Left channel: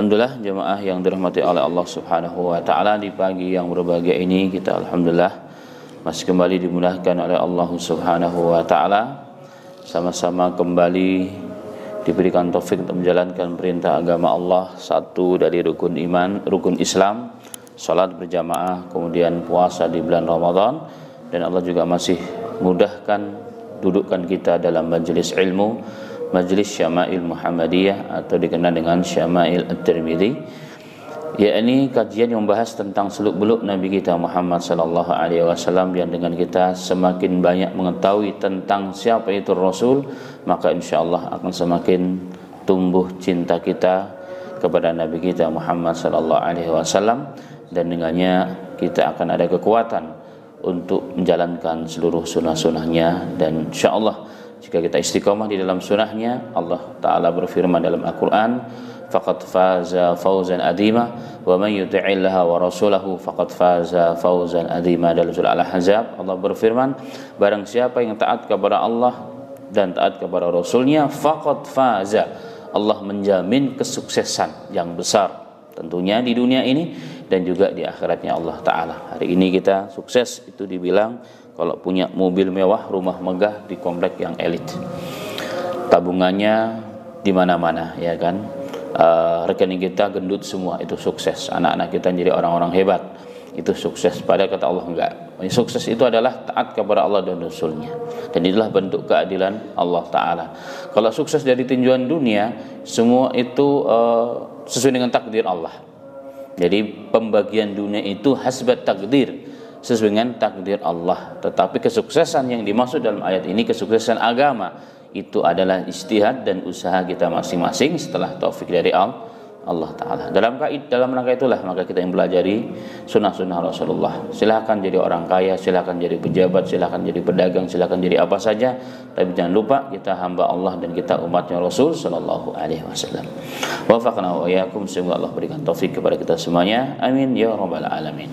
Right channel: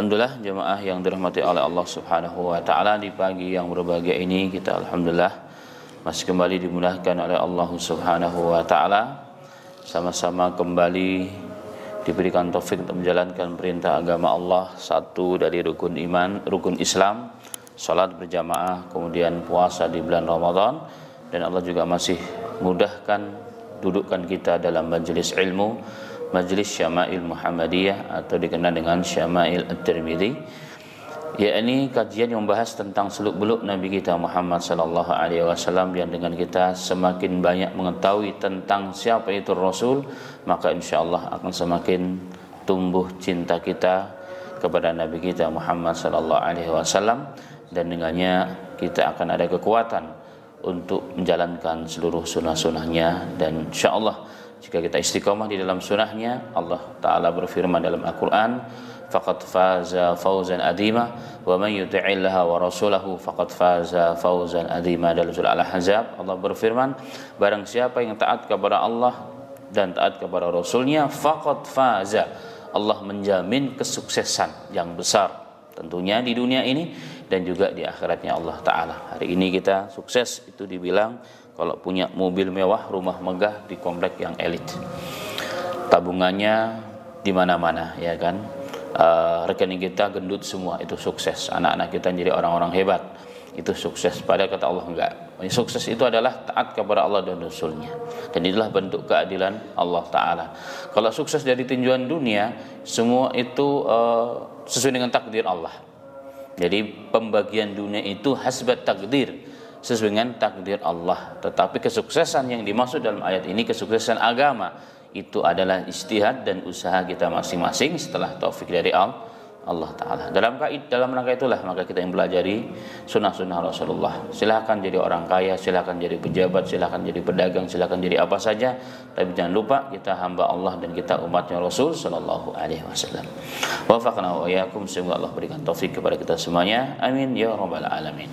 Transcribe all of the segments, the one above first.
Alhamdulillah jemaah yang dirahmati oleh Allah Subhanahu wa taala, di pagi yang berbahagia ini kita alhamdulillah masih kembali dimudahkan oleh Allah Subhanahu wa taala sama-sama kembali diberikan taufik untuk menjalankan perintah agama Allah, satu dari rukun iman, rukun Islam, salat berjamaah, kemudian puasa di bulan Ramadan, dan Allah juga masih mudahkan dudukkan kita dalam majelis ilmu, Majelis Syama'il Muhammadiyah atau dikenal dengan Syama'il At-Tirmidzi, yakni kajian yang membahas tentang seluk-beluk Nabi kita Muhammad sallallahu alaihi wasallam, yang dengan kita semakin banyak mengetahui tentang siapa itu Rasul, maka insyaallah akan semakin tumbuh cinta kita kepada Nabi kita Muhammad sallallahu alaihi wasallam, dan dengannya kita akan ada kekuatan untuk menjalankan seluruh sunnah-sunnahnya. Dan insyaallah jika kita istiqamah di dalam sunnahnya, Allah Ta'ala berfirman dalam Al-Quran, faqad faza fawzan adhima wa man yuti'illaha wa rasulahu faqad faza fawzan adhima. Dalam surah Al-Ahzab Allah berfirman, barang siapa yang taat kepada Allah dan taat kepada Rasulnya, faqad faza, Allah menjamin kesuksesan yang besar tentunya di dunia ini dan juga di akhiratnya Allah Ta'ala. Hari ini kita sukses itu dibilang kalau punya mobil mewah, rumah megah di komplek yang elit, tabungannya di mana-mana, ya kan, rekening kita gendut semua, itu sukses. Anak-anak kita jadi orang-orang hebat, itu sukses. Padahal kata Allah enggak. Sukses itu adalah taat kepada Allah dan Rasulnya, dan itulah bentuk keadilan Allah Ta'ala. Kalau sukses dari tinjauan dunia, semua itu sesuai dengan takdir Allah. Jadi pembagian dunia itu hasbat takdir, sesuai dengan takdir Allah. Tetapi kesuksesan yang dimaksud dalam ayat ini, kesuksesan agama, itu adalah ijtihad dan usaha kita masing-masing setelah taufik dari Allah Ta'ala. Dalam rangka itulah maka kita yang belajari sunnah-sunnah Rasulullah. Silahkan jadi orang kaya, silahkan jadi pejabat, silahkan jadi pedagang, silahkan jadi apa saja, tapi jangan lupa kita hamba Allah dan kita umatnya Rasul Sallallahu Alaihi Wasallam. Wafaqna wa iyyakum, semoga Allah berikan taufik kepada kita semuanya, amin ya rabbal alamin.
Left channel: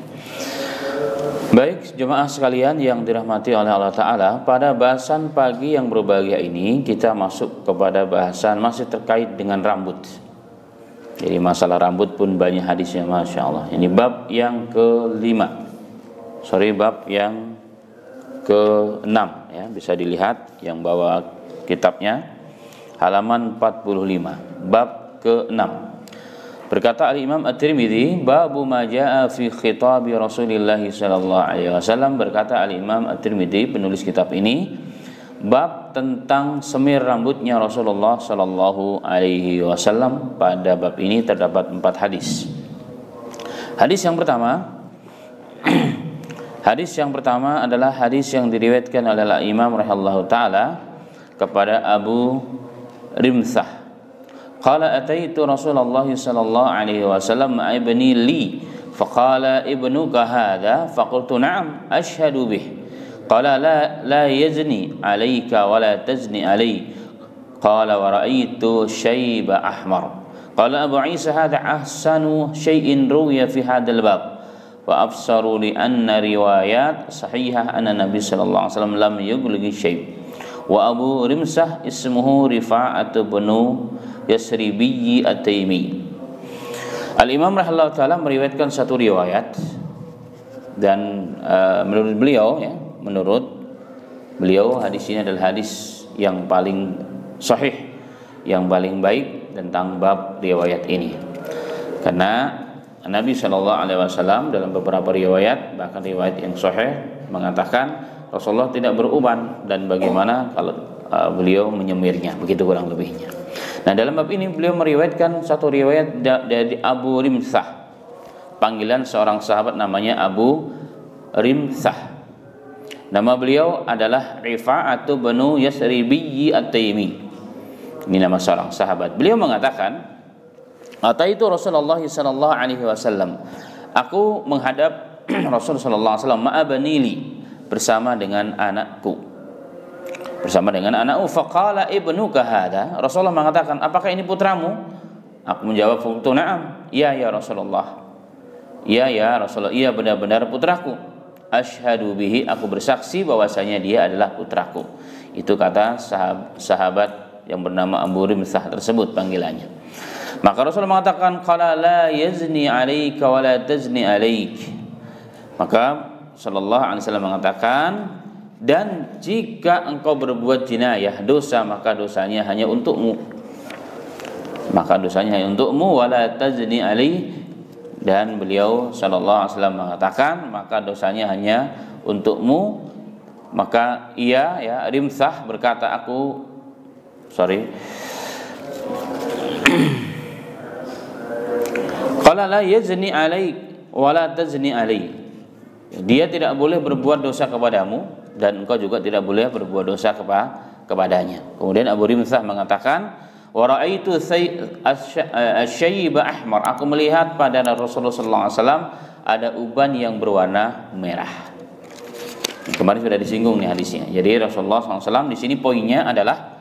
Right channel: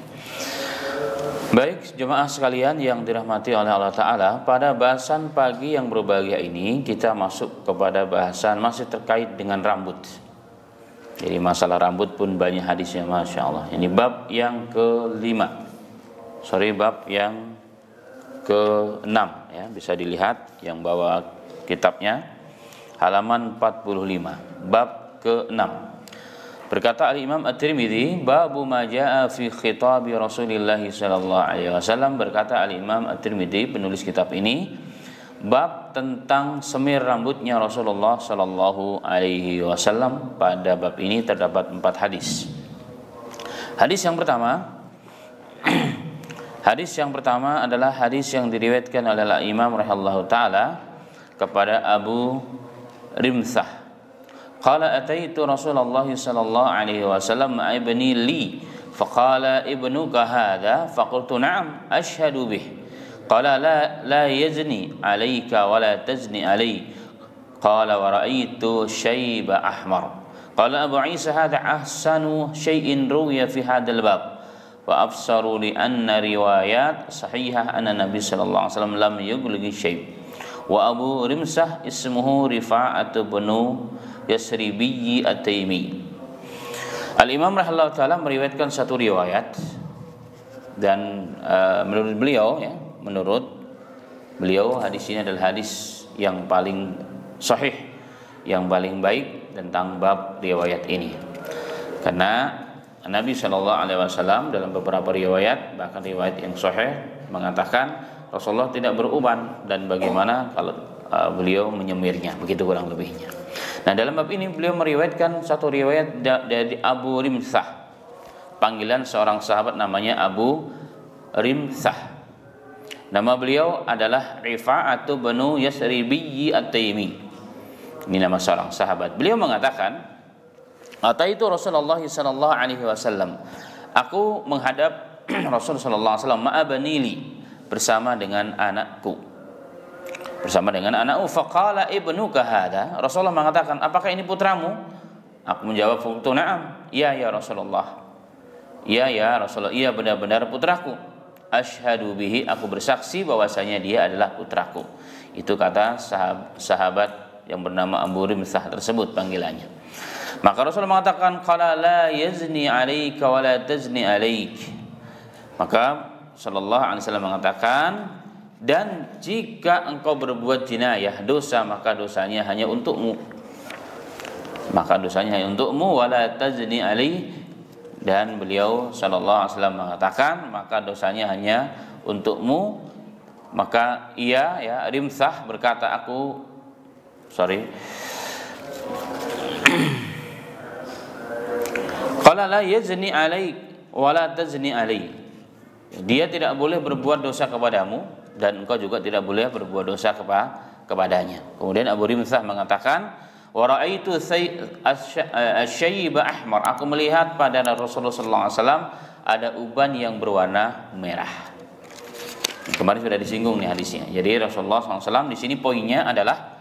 Baik jemaah sekalian yang dirahmati oleh Allah Ta'ala, pada bahasan pagi yang berbahagia ini kita masuk kepada bahasan masih terkait dengan rambut. Jadi masalah rambut pun banyak hadisnya, Masya Allah. Ini bab yang bab yang ke-6 ya, bisa dilihat yang bawa kitabnya halaman 45, bab ke-6. Berkata Al-Imam At-Tirmidzi, babu ma jaa fi khitabi Rasulillah sallallahu alaihi wasallam. Berkata Al-Imam At-Tirmidzi, penulis kitab ini, bab tentang semir rambutnya Rasulullah sallallahu alaihi wasallam. Pada bab ini terdapat 4 hadis. Hadis yang pertama adalah hadis yang diriwayatkan oleh Al-Imam rahimahullahu taala kepada Abu Rimsah. Qala ataitu Rasulullah sallallahu alaihi wasallam ma'a ibni li faqala ibnuka hadha faqultu na'am ashhadu bih qala la yazni alayka wa la tazni alay qala wa ra'aytu shayba ahmar qala Abu Isa hadha ahsanu shay'in ruwiya fi hadzal bab wa absaru li anna riwayat sahihah anna Nabi sallallahu alaihi wasallam lam yughligi syayb wa Abu Rimsah ismuhu Rifa'atu bin Yasribiyyi At-Taimi. Al-Imam rahimahullah ta'ala meriwayatkan satu riwayat, dan menurut beliau hadis ini adalah hadis yang paling sahih, yang paling baik tentang bab riwayat ini. Karena Nabi SAW dalam beberapa riwayat, bahkan riwayat yang sahih, mengatakan Rasulullah tidak beruban, dan bagaimana kalau beliau menyemirnya, begitu kurang lebihnya. Nah, dalam bab ini beliau meriwayatkan satu riwayat dari Abu Rimsah. Panggilan seorang sahabat namanya Abu Rimsah. Nama beliau adalah Rifa'atu bin Yasribiyyi At-Taimi. Ini nama seorang sahabat. Beliau mengatakan, ataitu Rasulullah sallallahu alaihi wasallam. Aku menghadap Rasul sallallahu alaihi wasallam ma'a banili, bersama dengan anakku. Faqala ibnuka hadha. Rasulullah mengatakan, apakah ini putramu? Aku menjawab, qultu na'am, ya Rasulullah. Ya Rasulullah, iya benar-benar putraku. Asyhadu bihi, aku bersaksi bahwasanya dia adalah putraku. Itu kata sahabat yang bernama Abu Rimsah tersebut panggilannya. Maka Rasul mengatakan, qala la yazni 'alaika wa la tazni 'alaik. Maka sallallahu alaihi wasallam mengatakan, dan jika engkau berbuat jinayah, dosa, maka dosanya hanya untukmu. Maka dosanya hanya untukmu, wa la tazni 'alaik. Dan beliau sallallahu alaihi wasallam mengatakan, maka dosanya hanya untukmu. Maka ia, ya, Rimsah berkata, qala la yazni 'alaik wa la tazni 'alai. Dia tidak boleh berbuat dosa kepadamu dan engkau juga tidak boleh berbuat dosa kepadanya. Kemudian Abu Rimsah mengatakan, wa ra'aitu asy-syayba ahmar. Aku melihat pada Rasulullah sallallahu alaihi wasallam ada uban yang berwarna merah. Kemarin sudah disinggung nih hadisnya. Jadi Rasulullah SAW di sini poinnya adalah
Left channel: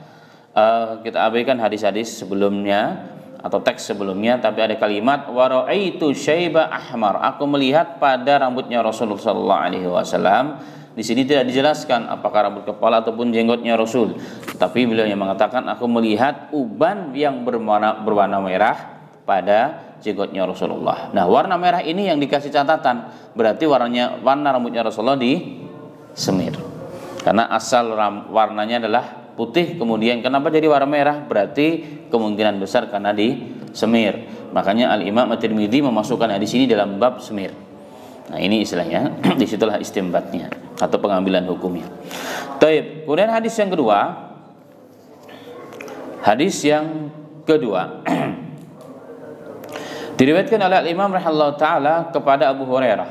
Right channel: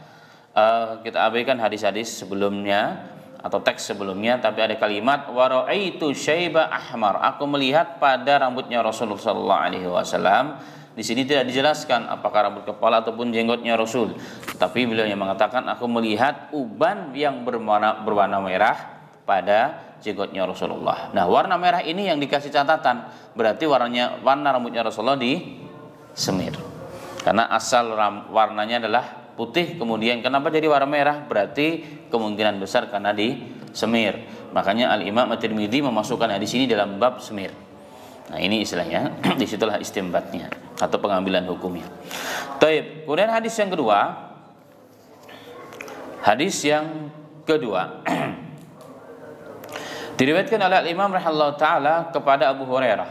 kita abaikan hadis-hadis sebelumnya atau teks sebelumnya, tapi ada kalimat wa ra'aitu syaiba ahmar. Aku melihat pada rambutnya Rasulullah sallallahu alaihi wasallam. Di sini tidak dijelaskan apakah rambut kepala ataupun jenggotnya Rasul. Tapi beliau yang mengatakan, aku melihat uban yang berwarna merah pada jenggotnya Rasulullah. Nah, warna merah ini yang dikasih catatan, berarti warna rambutnya Rasulullah disemir. Karena asal warnanya adalah putih, kemudian kenapa jadi warna merah? Berarti kemungkinan besar karena disemir. Makanya Al-Imam At-Tirmidzi memasukkan hadis ini dalam bab semir. Nah, ini istilahnya, disitulah istimbatnya atau pengambilan hukumnya. Taib. Kemudian hadis yang kedua. Diriwayatkan oleh Al-Imam rahimahullah taala kepada Abu Hurairah.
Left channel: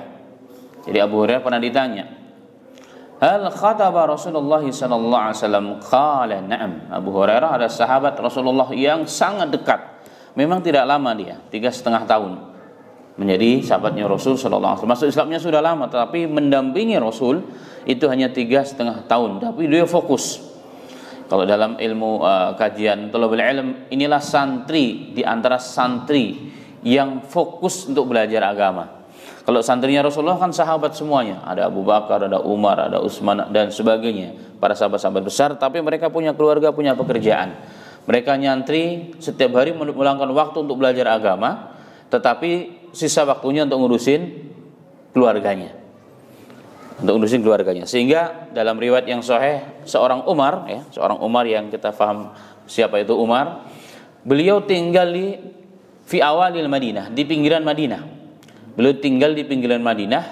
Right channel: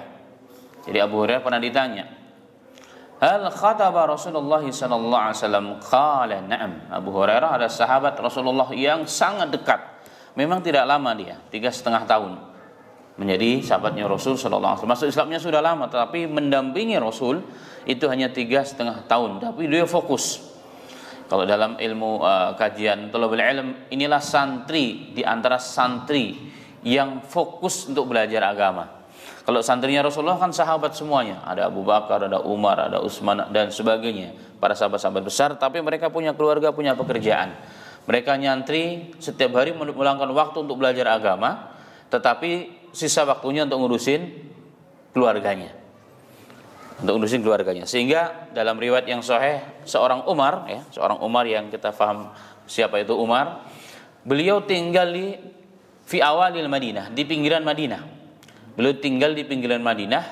Jadi Abu Hurairah pernah ditanya, hal khataba Rasulullah sallallahu alaihi wasallam? Qala na'am. Abu Hurairah adalah sahabat Rasulullah yang sangat dekat. Memang tidak lama dia, 3,5 tahun menjadi sahabatnya Rasul sallallahu alaihi wasallam. Masuk Islamnya sudah lama, tetapi mendampingi Rasul itu hanya 3,5 tahun. Tapi dia fokus. Kalau dalam ilmu kajian thalabul ilm, inilah santri di antara santri yang fokus untuk belajar agama. Kalau santrinya Rasulullah kan sahabat semuanya, ada Abu Bakar, ada Umar, ada Utsman dan sebagainya, para sahabat-sahabat besar, tapi mereka punya keluarga, punya pekerjaan. Mereka nyantri setiap hari meluangkan waktu untuk belajar agama, tetapi sisa waktunya untuk ngurusin keluarganya. Sehingga dalam riwayat yang sahih, seorang Umar yang kita paham siapa itu Umar, beliau tinggal di fi awalil Madinah, di pinggiran Madinah. Beliau tinggal di pinggiran Madinah,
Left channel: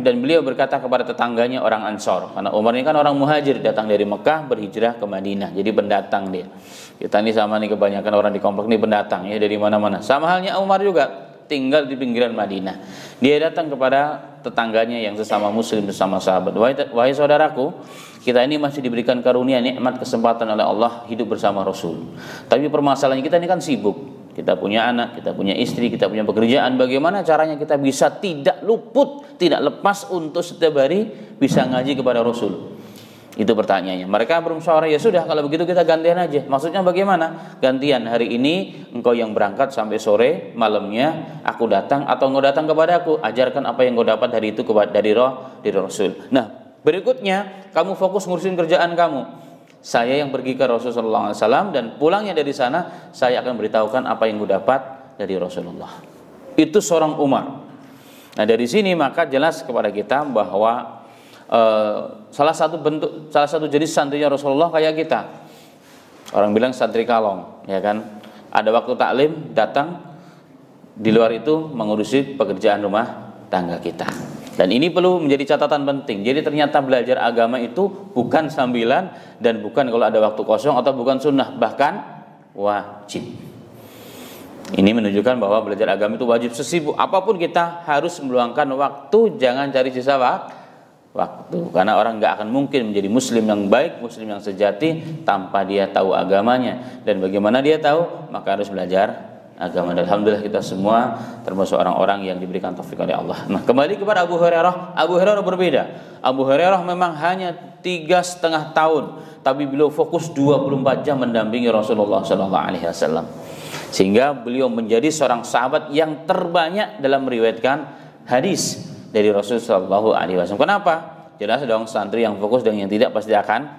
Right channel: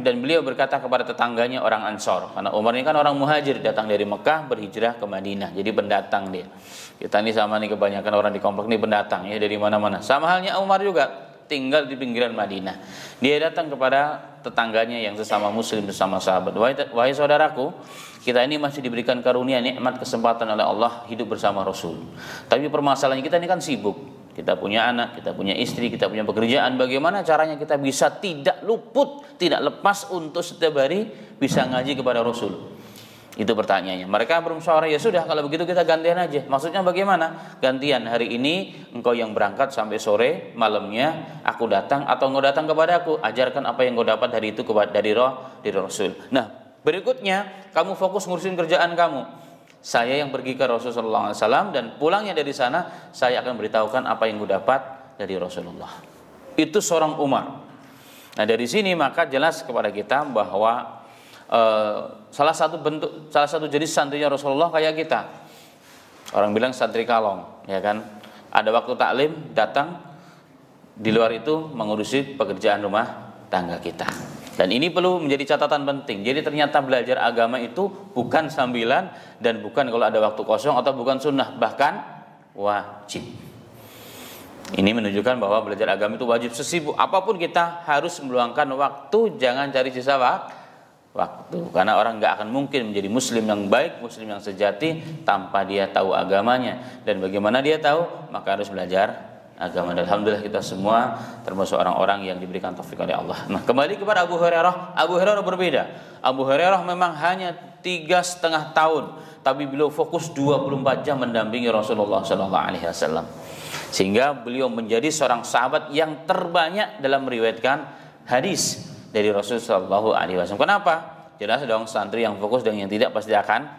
dan beliau berkata kepada tetangganya orang Ansor, karena Umar ini kan orang muhajir, datang dari Mekah berhijrah ke Madinah, jadi pendatang dia. Kita ini sama nih, kebanyakan orang di komplek ini pendatang ya, dari mana-mana. Sama halnya Umar juga tinggal di pinggiran Madinah. Dia datang kepada tetangganya yang sesama muslim, sesama sahabat. Wahai saudaraku, kita ini masih diberikan karunia nikmat kesempatan oleh Allah hidup bersama Rasul. Tapi permasalahannya kita ini kan sibuk. Kita punya anak, kita punya istri, kita punya pekerjaan. Bagaimana caranya kita bisa tidak luput, tidak lepas untuk setiap hari bisa ngaji kepada Rasul? Itu pertanyaannya. Mereka bermusyawarah, ya sudah kalau begitu kita gantian aja. Maksudnya bagaimana? Gantian, hari ini engkau yang berangkat sampai sore, malamnya aku datang atau engkau datang kepadaku, ajarkan apa yang engkau dapat dari itu dari Rasul. Nah, berikutnya kamu fokus ngurusin kerjaan kamu. Saya yang pergi ke Rasulullah SAW dan pulangnya dari sana saya akan beritahukan apa yang engkau dapat dari Rasulullah. Itu seorang Umar. Nah, dari sini maka jelas kepada kita bahwa salah satu jenis santrinya Rasulullah kayak kita. Orang bilang santri kalong, ya kan? Ada waktu taklim datang, di luar itu mengurusi pekerjaan rumah tangga kita. Dan ini perlu menjadi catatan penting. Jadi ternyata belajar agama itu bukan sambilan dan bukan kalau ada waktu kosong atau bukan sunnah, bahkan wajib. Ini menunjukkan bahwa belajar agama itu wajib. Sesibuk apapun kita harus meluangkan waktu, jangan cari sisa waktu. Karena orang nggak akan mungkin menjadi muslim yang baik, muslim yang sejati tanpa dia tahu agamanya. Dan bagaimana dia tahu? Maka harus belajar agama. Dan alhamdulillah kita semua termasuk orang-orang yang diberikan taufik oleh Allah. Nah, kembali kepada Abu Hurairah. Abu Hurairah berbeda. Abu Hurairah memang hanya 3,5 tahun, tapi beliau fokus 24 jam mendampingi Rasulullah SAW. Sehingga beliau menjadi seorang sahabat yang terbanyak dalam meriwayatkan hadis dari Rasulullah SAW. Kenapa? Jelas dong, santri yang fokus dan yang tidak pasti akan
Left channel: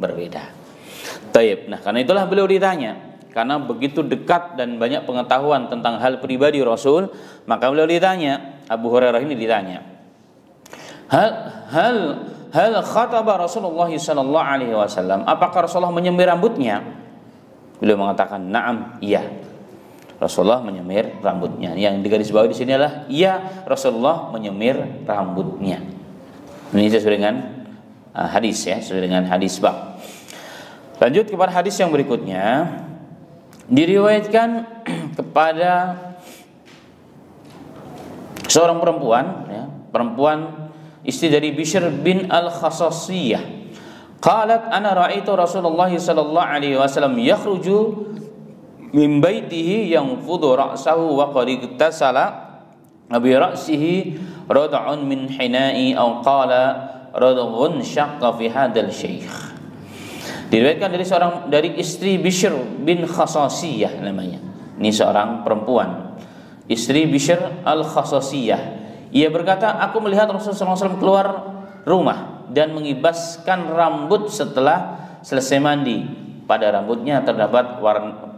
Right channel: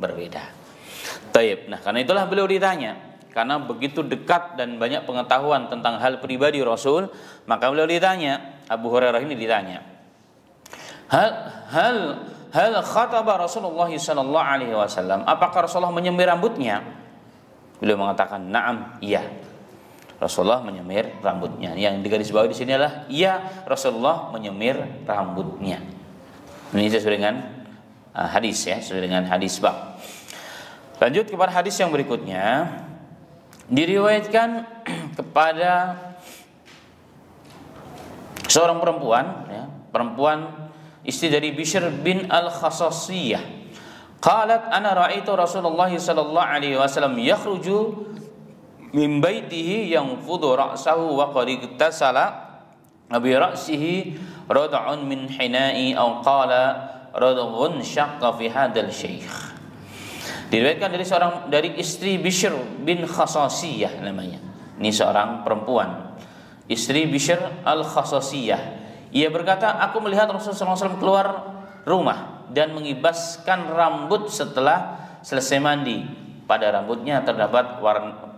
berbeda. Taib. Nah, karena itulah beliau ditanya, karena begitu dekat dan banyak pengetahuan tentang hal pribadi Rasul, maka beliau ditanya, Abu Hurairah ini ditanya, hal khataba Rasulullah sallallahu alaihi wasallam, apakah Rasulullah menyemir rambutnya? Beliau mengatakan, na'am, iya. Rasulullah menyemir rambutnya. Yang digarisbawahi di sini adalah iya, Rasulullah menyemir rambutnya. Ini sesuai dengan hadis ya, sesuai dengan hadis bab. Lanjut kepada hadis yang berikutnya. Diriwayatkan kepada seorang perempuan ya, perempuan istri dari Bishr bin Al-Khasasiyah. Qalat ana ra'aitu Rasulullah sallallahu alaihi wasallam yakhruju min baitihi yanfudu ra'sahu wa qad iktasala bi ra'sihi rad'un min hina'i aw qala radghun syaqqa fi hadzal syekh. Diriwayatkan dari istri Bishr bin Khasasiyah namanya. Ini seorang perempuan, istri Bishr Al-Khasasiyah. Ia berkata, aku melihat Rasulullah SAW keluar rumah dan mengibaskan rambut setelah selesai mandi. Pada rambutnya terdapat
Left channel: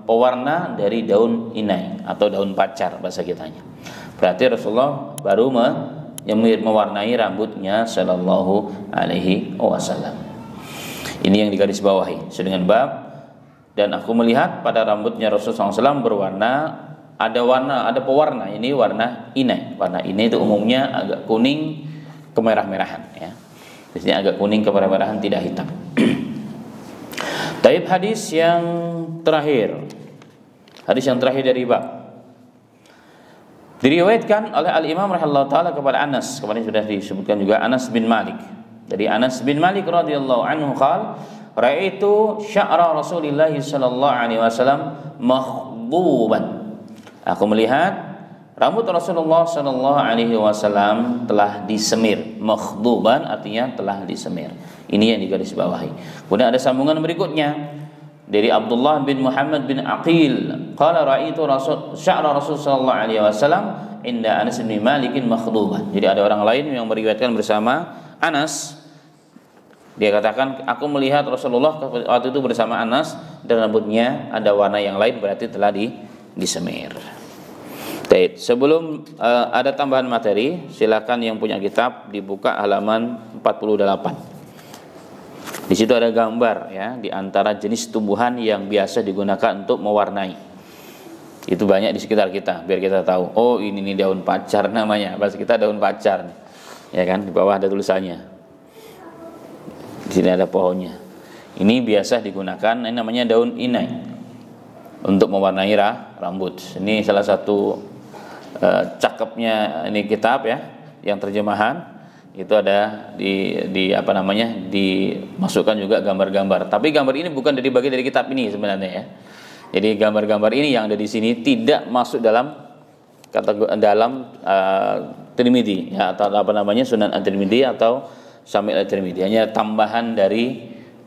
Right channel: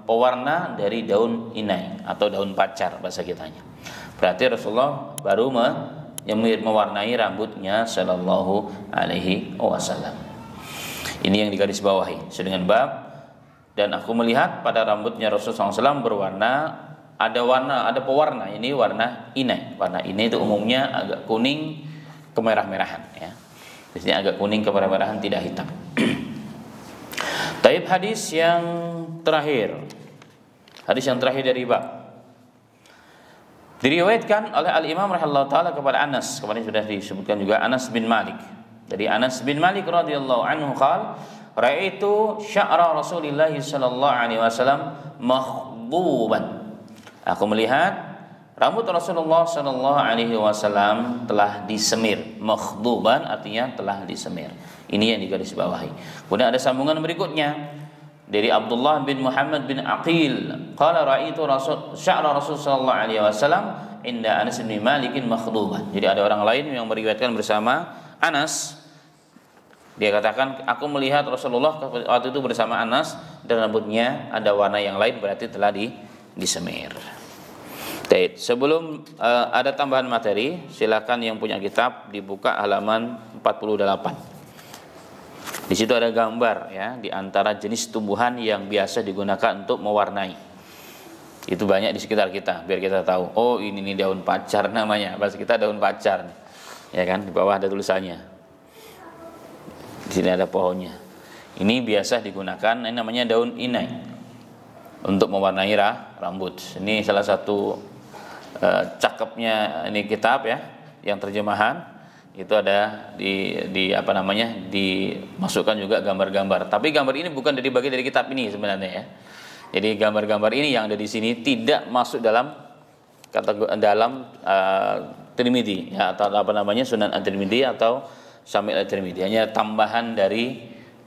pewarna dari daun inai atau daun pacar bahasa kitanya. Berarti Rasulullah baru mewarnai rambutnya sallallahu alaihi wasallam. Ini yang digarisbawahi dengan bab, dan aku melihat pada rambutnya Rasulullah SAW berwarna, ada pewarna, ini warna inai. Warna inai itu umumnya agak kuning kemerah-merahan ya. Di sini agak kuning kemerah-merahan, tidak hitam. Taib hadis yang terakhir. Hadis yang terakhir dari bab. Diriwayatkan oleh Al-Imam rahimahullah taala kepada Anas, kemarin sudah disebutkan juga, Anas bin Malik. Dari Anas bin Malik radhiyallahu anhu qala, ra'aitu sya'ra Rasulillah sallallahu alaihi wasallam makhduban. Aku melihat rambut Rasulullah sallallahu alaihi wasallam telah disemir. Makhduban artinya telah disemir. Ini yang digarisbawahi. Kemudian ada sambungan berikutnya dari Abdullah bin Muhammad bin Aqil, qala ra'aitu sya'ra Rasul sallallahu alaihi wasallam inda Anas bin Malik makhduban. Jadi ada orang lain yang meriwayatkan bersama Anas. Dia katakan, aku melihat Rasulullah waktu itu bersama Anas dan rambutnya ada warna yang lain, berarti telah disemir. Baik, sebelum ada tambahan materi, silakan yang punya kitab dibuka halaman 48. Di situ ada gambar ya, di antara jenis tumbuhan yang biasa digunakan untuk mewarnai. Itu banyak di sekitar kita, biar kita tahu. Oh, ini nih daun pacar namanya. Bahasa kita daun pacar. Ya kan, di bawah ada tulisannya. Di sini ada pohonnya. Ini biasa digunakan, ini namanya daun inai untuk mewarnai rambut. Ini salah satu cakepnya ini kitab ya, yang terjemahan itu ada dimasukkan juga gambar-gambar. Tapi gambar ini bukan dari bagian dari kitab ini sebenarnya ya. Jadi gambar-gambar ini yang ada di sini tidak masuk dalam Tirmidzi ya, atau Sunan At-Tirmidzi atau Syamil At-Tirmidzi, hanya tambahan dari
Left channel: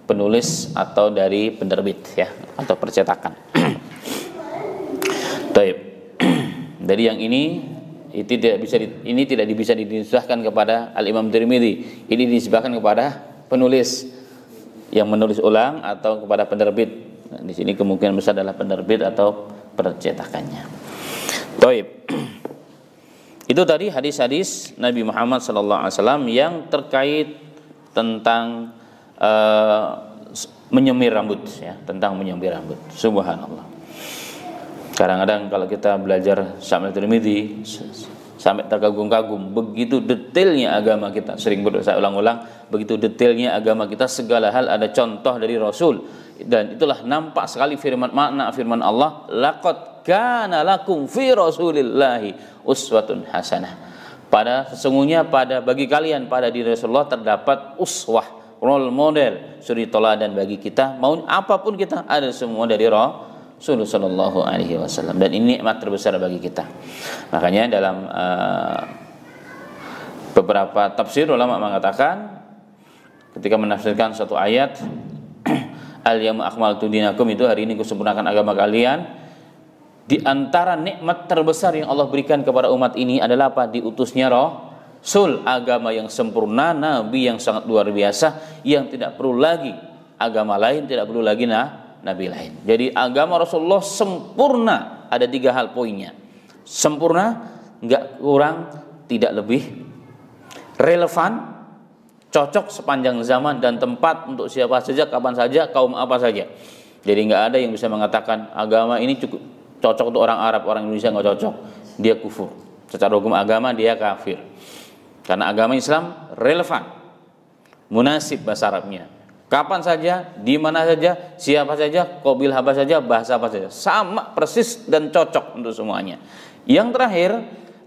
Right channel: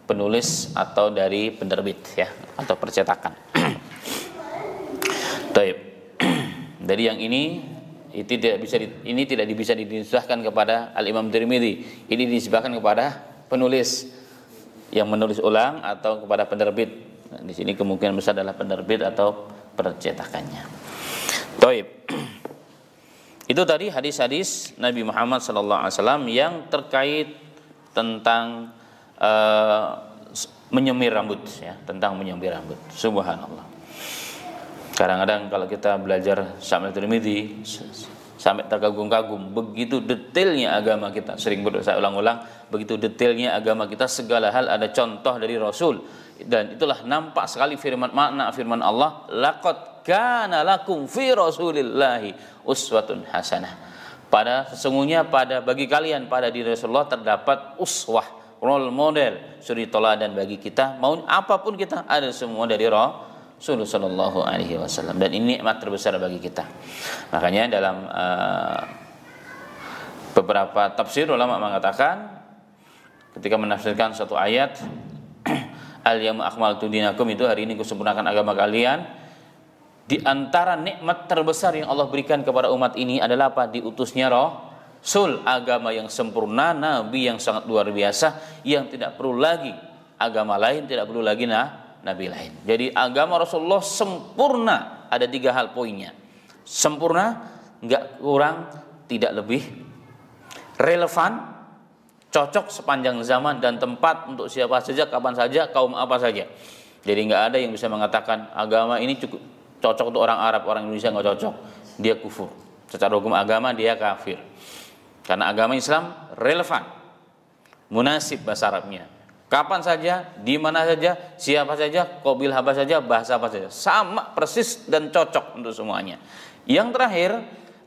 penulis atau dari penerbit ya, atau percetakan. Taib. Dari yang ini tidak bisa dinisbahkan kepada Al-Imam Tirmidzi. Ini dinisbahkan kepada penulis yang menulis ulang atau kepada penerbit. Nah, di sini kemungkinan besar adalah penerbit atau percetakannya. Taib. Itu tadi hadis-hadis Nabi Muhammad SAW yang terkait tentang menyemir rambut ya, tentang menyemir rambut. Subhanallah. Kadang-kadang kalau kita belajar Syamil Tirmidzi sampai terkagum-kagum, begitu detailnya agama kita. Sering saya ulang-ulang, begitu detailnya agama kita, segala hal ada contoh dari Rasul. Dan itulah nampak sekali makna firman Allah, laqad kana lakum fi Rasulillahi uswatun hasanah. Sesungguhnya bagi kalian pada diri Rasulullah terdapat uswah, role model, suri teladan bagi kita. Mau apapun kita ada semua dari Rasulullah sallallahu alaihi wasallam, dan ini nikmat terbesar bagi kita. Makanya dalam beberapa tafsir ulama mengatakan ketika menafsirkan satu ayat al-yawma akmaltu dinakum, itu hari ini kusempurnakan agama kalian. Di antara nikmat terbesar yang Allah berikan kepada umat ini adalah apa? Diutusnya Rasul, agama yang sempurna, nabi yang sangat luar biasa, yang tidak perlu lagi agama lain, tidak perlu lagi nabi lain. Jadi agama Rasulullah sempurna, ada 3 hal poinnya. Sempurna, enggak kurang, tidak lebih, relevan, cocok sepanjang zaman dan tempat untuk siapa saja, kapan saja, kaum apa saja. Jadi enggak ada yang bisa mengatakan agama ini cukup cocok untuk orang Arab, orang Indonesia enggak cocok, dia kufur. Secara hukum agama dia kafir. Karena agama Islam relevan, munasib bahasa Arabnya. Kapan saja, di mana saja, siapa saja, qabilah apa saja, bahasa apa saja, sama persis dan cocok untuk semuanya. Yang terakhir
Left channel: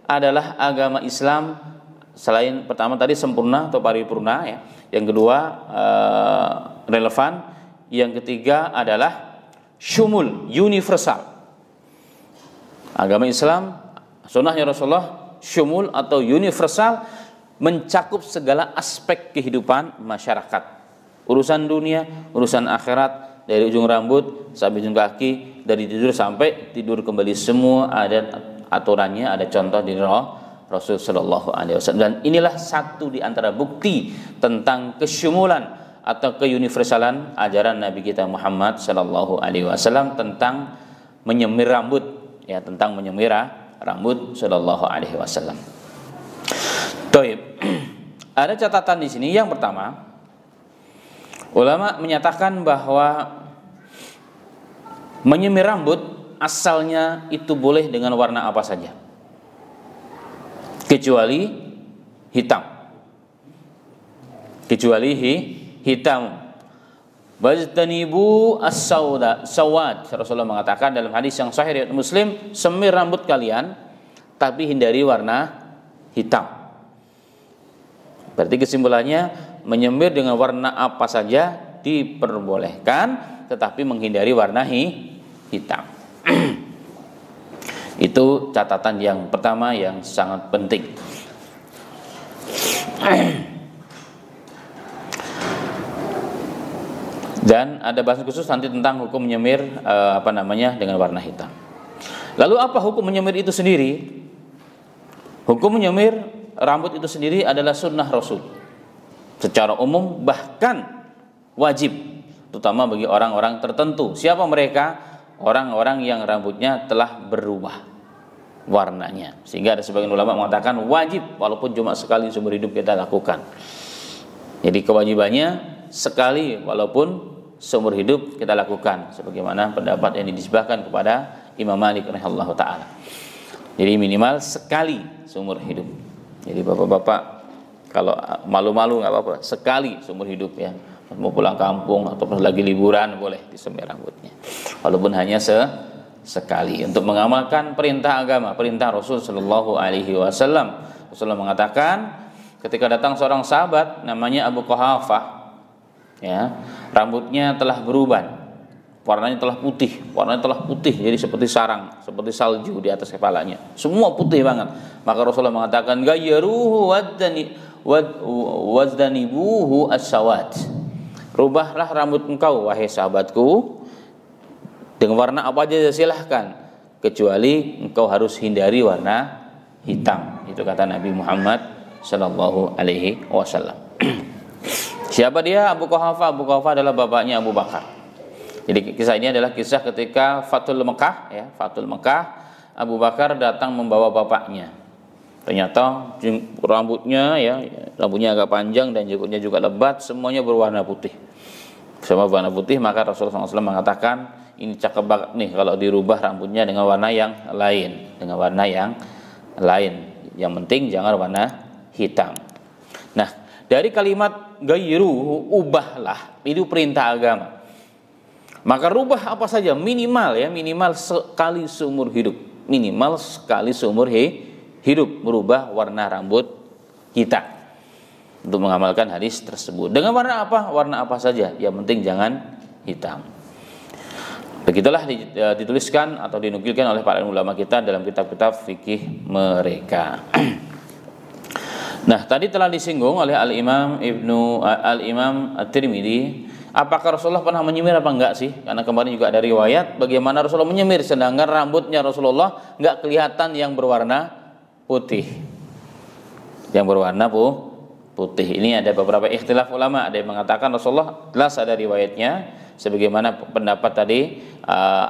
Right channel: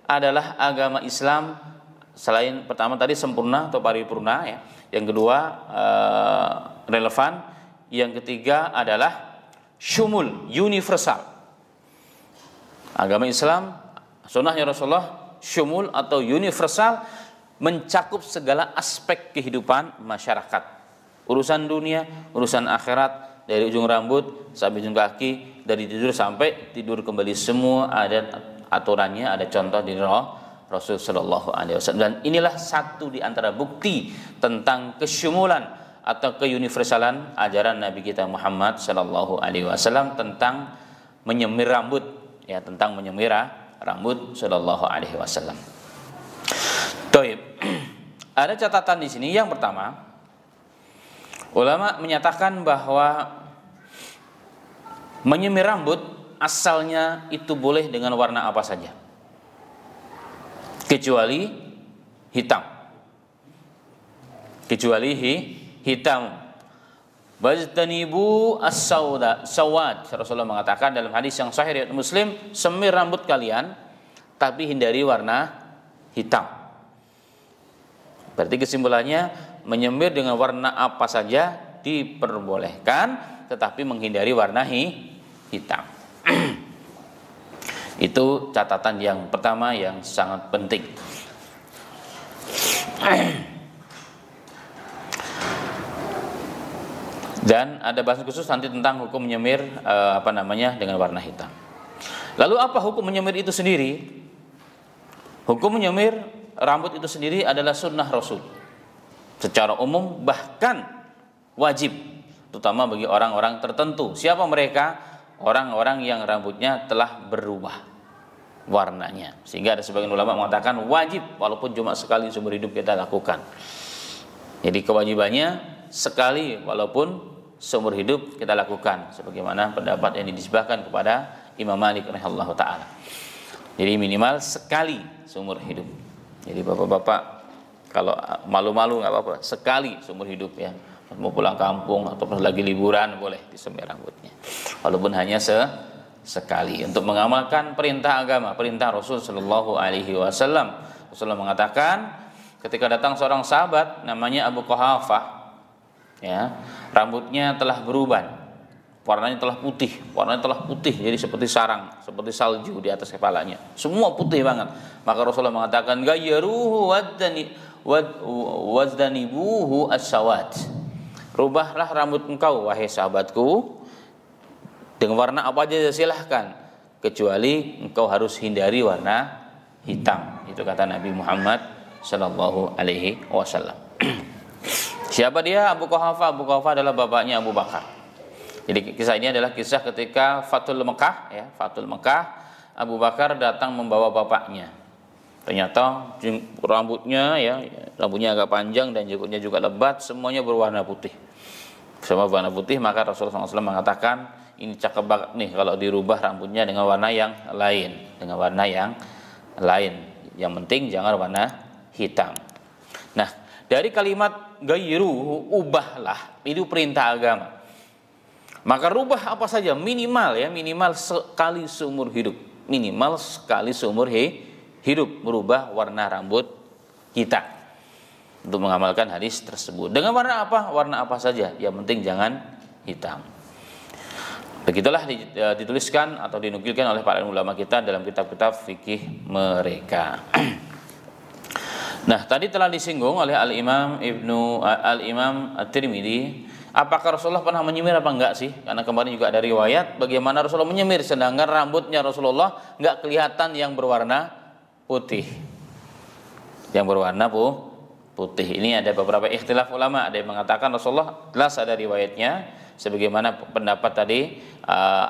adalah agama Islam selain pertama tadi sempurna atau paripurna ya. Yang kedua relevan, yang ketiga adalah syumul, universal. Agama Islam, sunnahnya Rasulullah syumul atau universal, mencakup segala aspek kehidupan masyarakat. Urusan dunia, urusan akhirat, dari ujung rambut sampai ujung kaki, dari tidur sampai tidur kembali, semua ada aturannya, ada contoh di Rasul Shallallahu Alaihi Wasallam. Dan inilah satu di antara bukti tentang kesyumulan atau keuniversalan ajaran Nabi kita Muhammad Shallallahu Alaihi Wasallam tentang menyemir rambut, ya, tentang menyemir rambut Shallallahu Alaihi Wasallam. Toib. Ada catatan di sini. Yang pertama, ulama menyatakan bahwa menyemir rambut asalnya itu boleh dengan warna apa saja, kecuali hitam. Kecuali hitam. Wajtanibu as-sawad. Rasulullah mengatakan dalam hadis yang sahih riwayat Muslim, semir rambut kalian tapi hindari warna hitam. Berarti kesimpulannya, menyemir dengan warna apa saja diperbolehkan, tetapi menghindari warna hitam. Itu catatan yang pertama yang sangat penting. Dan ada bahas khusus nanti tentang hukum menyemir dengan warna hitam. Lalu apa hukum menyemir itu sendiri? Hukum menyemir rambut itu sendiri adalah sunnah Rasul secara umum, bahkan wajib, terutama bagi orang-orang tertentu. Siapa mereka? Orang-orang yang rambutnya telah berubah warnanya, sehingga ada sebagian ulama mengatakan wajib walaupun cuma sekali seumur hidup kita lakukan. Jadi kewajibannya sekali walaupun seumur hidup kita lakukan, sebagaimana pendapat yang dinisbahkan kepada Imam Malik rahimahullah taala. Jadi minimal sekali seumur hidup. Jadi bapak-bapak kalau malu-malu nggak apa-apa, sekali seumur hidup ya, mau pulang kampung atau pas lagi liburan boleh disemir rambutnya, walaupun hanya sekali, untuk mengamalkan perintah agama, perintah Rasul Shallallahu Alaihi Wasallam. Rasulullah mengatakan ketika datang seorang sahabat namanya Abu Quhafah, ya, rambutnya telah berubah, warnanya telah putih, jadi seperti sarang, seperti salju di atas kepalanya, semua putih banget. Maka Rasulullah mengatakan, "Gayyaruhu wazdanibuhu as-sawad." Rubahlah rambut engkau wahai sahabatku dengan warna apa aja silahkan, kecuali engkau harus hindari warna hitam. Itu kata Nabi Muhammad sallallahu alaihi wasallam. Siapa dia? Abu Quhafah. Abu Quhafah adalah bapaknya Abu Bakar. Jadi kisah ini adalah kisah ketika Fathul Mekah, ya, Fathul Mekah, Abu Bakar datang membawa bapaknya. Ternyata rambutnya agak panjang dan jenggotnya juga lebat, semuanya berwarna putih. Semua berwarna putih, maka Rasulullah SAW mengatakan, ini cakep banget nih kalau dirubah rambutnya dengan warna yang lain, Yang penting jangan warna hitam. Nah, dari kalimat gayru, ubahlah, itu perintah agama. Maka rubah apa saja, minimal sekali seumur hidup. Minimal sekali seumur hidup merubah warna rambut kita untuk mengamalkan hadis tersebut. Dengan warna apa? Warna apa saja, yang penting jangan hitam. Begitulah dituliskan atau dinukilkan oleh para ulama kita dalam kitab-kitab fikih mereka. Nah, tadi telah disinggung oleh Al-Imam At-Tirmidzi, apakah Rasulullah pernah menyemir apa enggak sih? Karena kemarin juga ada riwayat bagaimana Rasulullah menyemir, sedangkan rambutnya Rasulullah enggak kelihatan yang berwarna putih. Yang berwarna putih. Ini ada beberapa ikhtilaf ulama. Ada yang mengatakan Rasulullah jelas ada riwayatnya sebagaimana pendapat tadi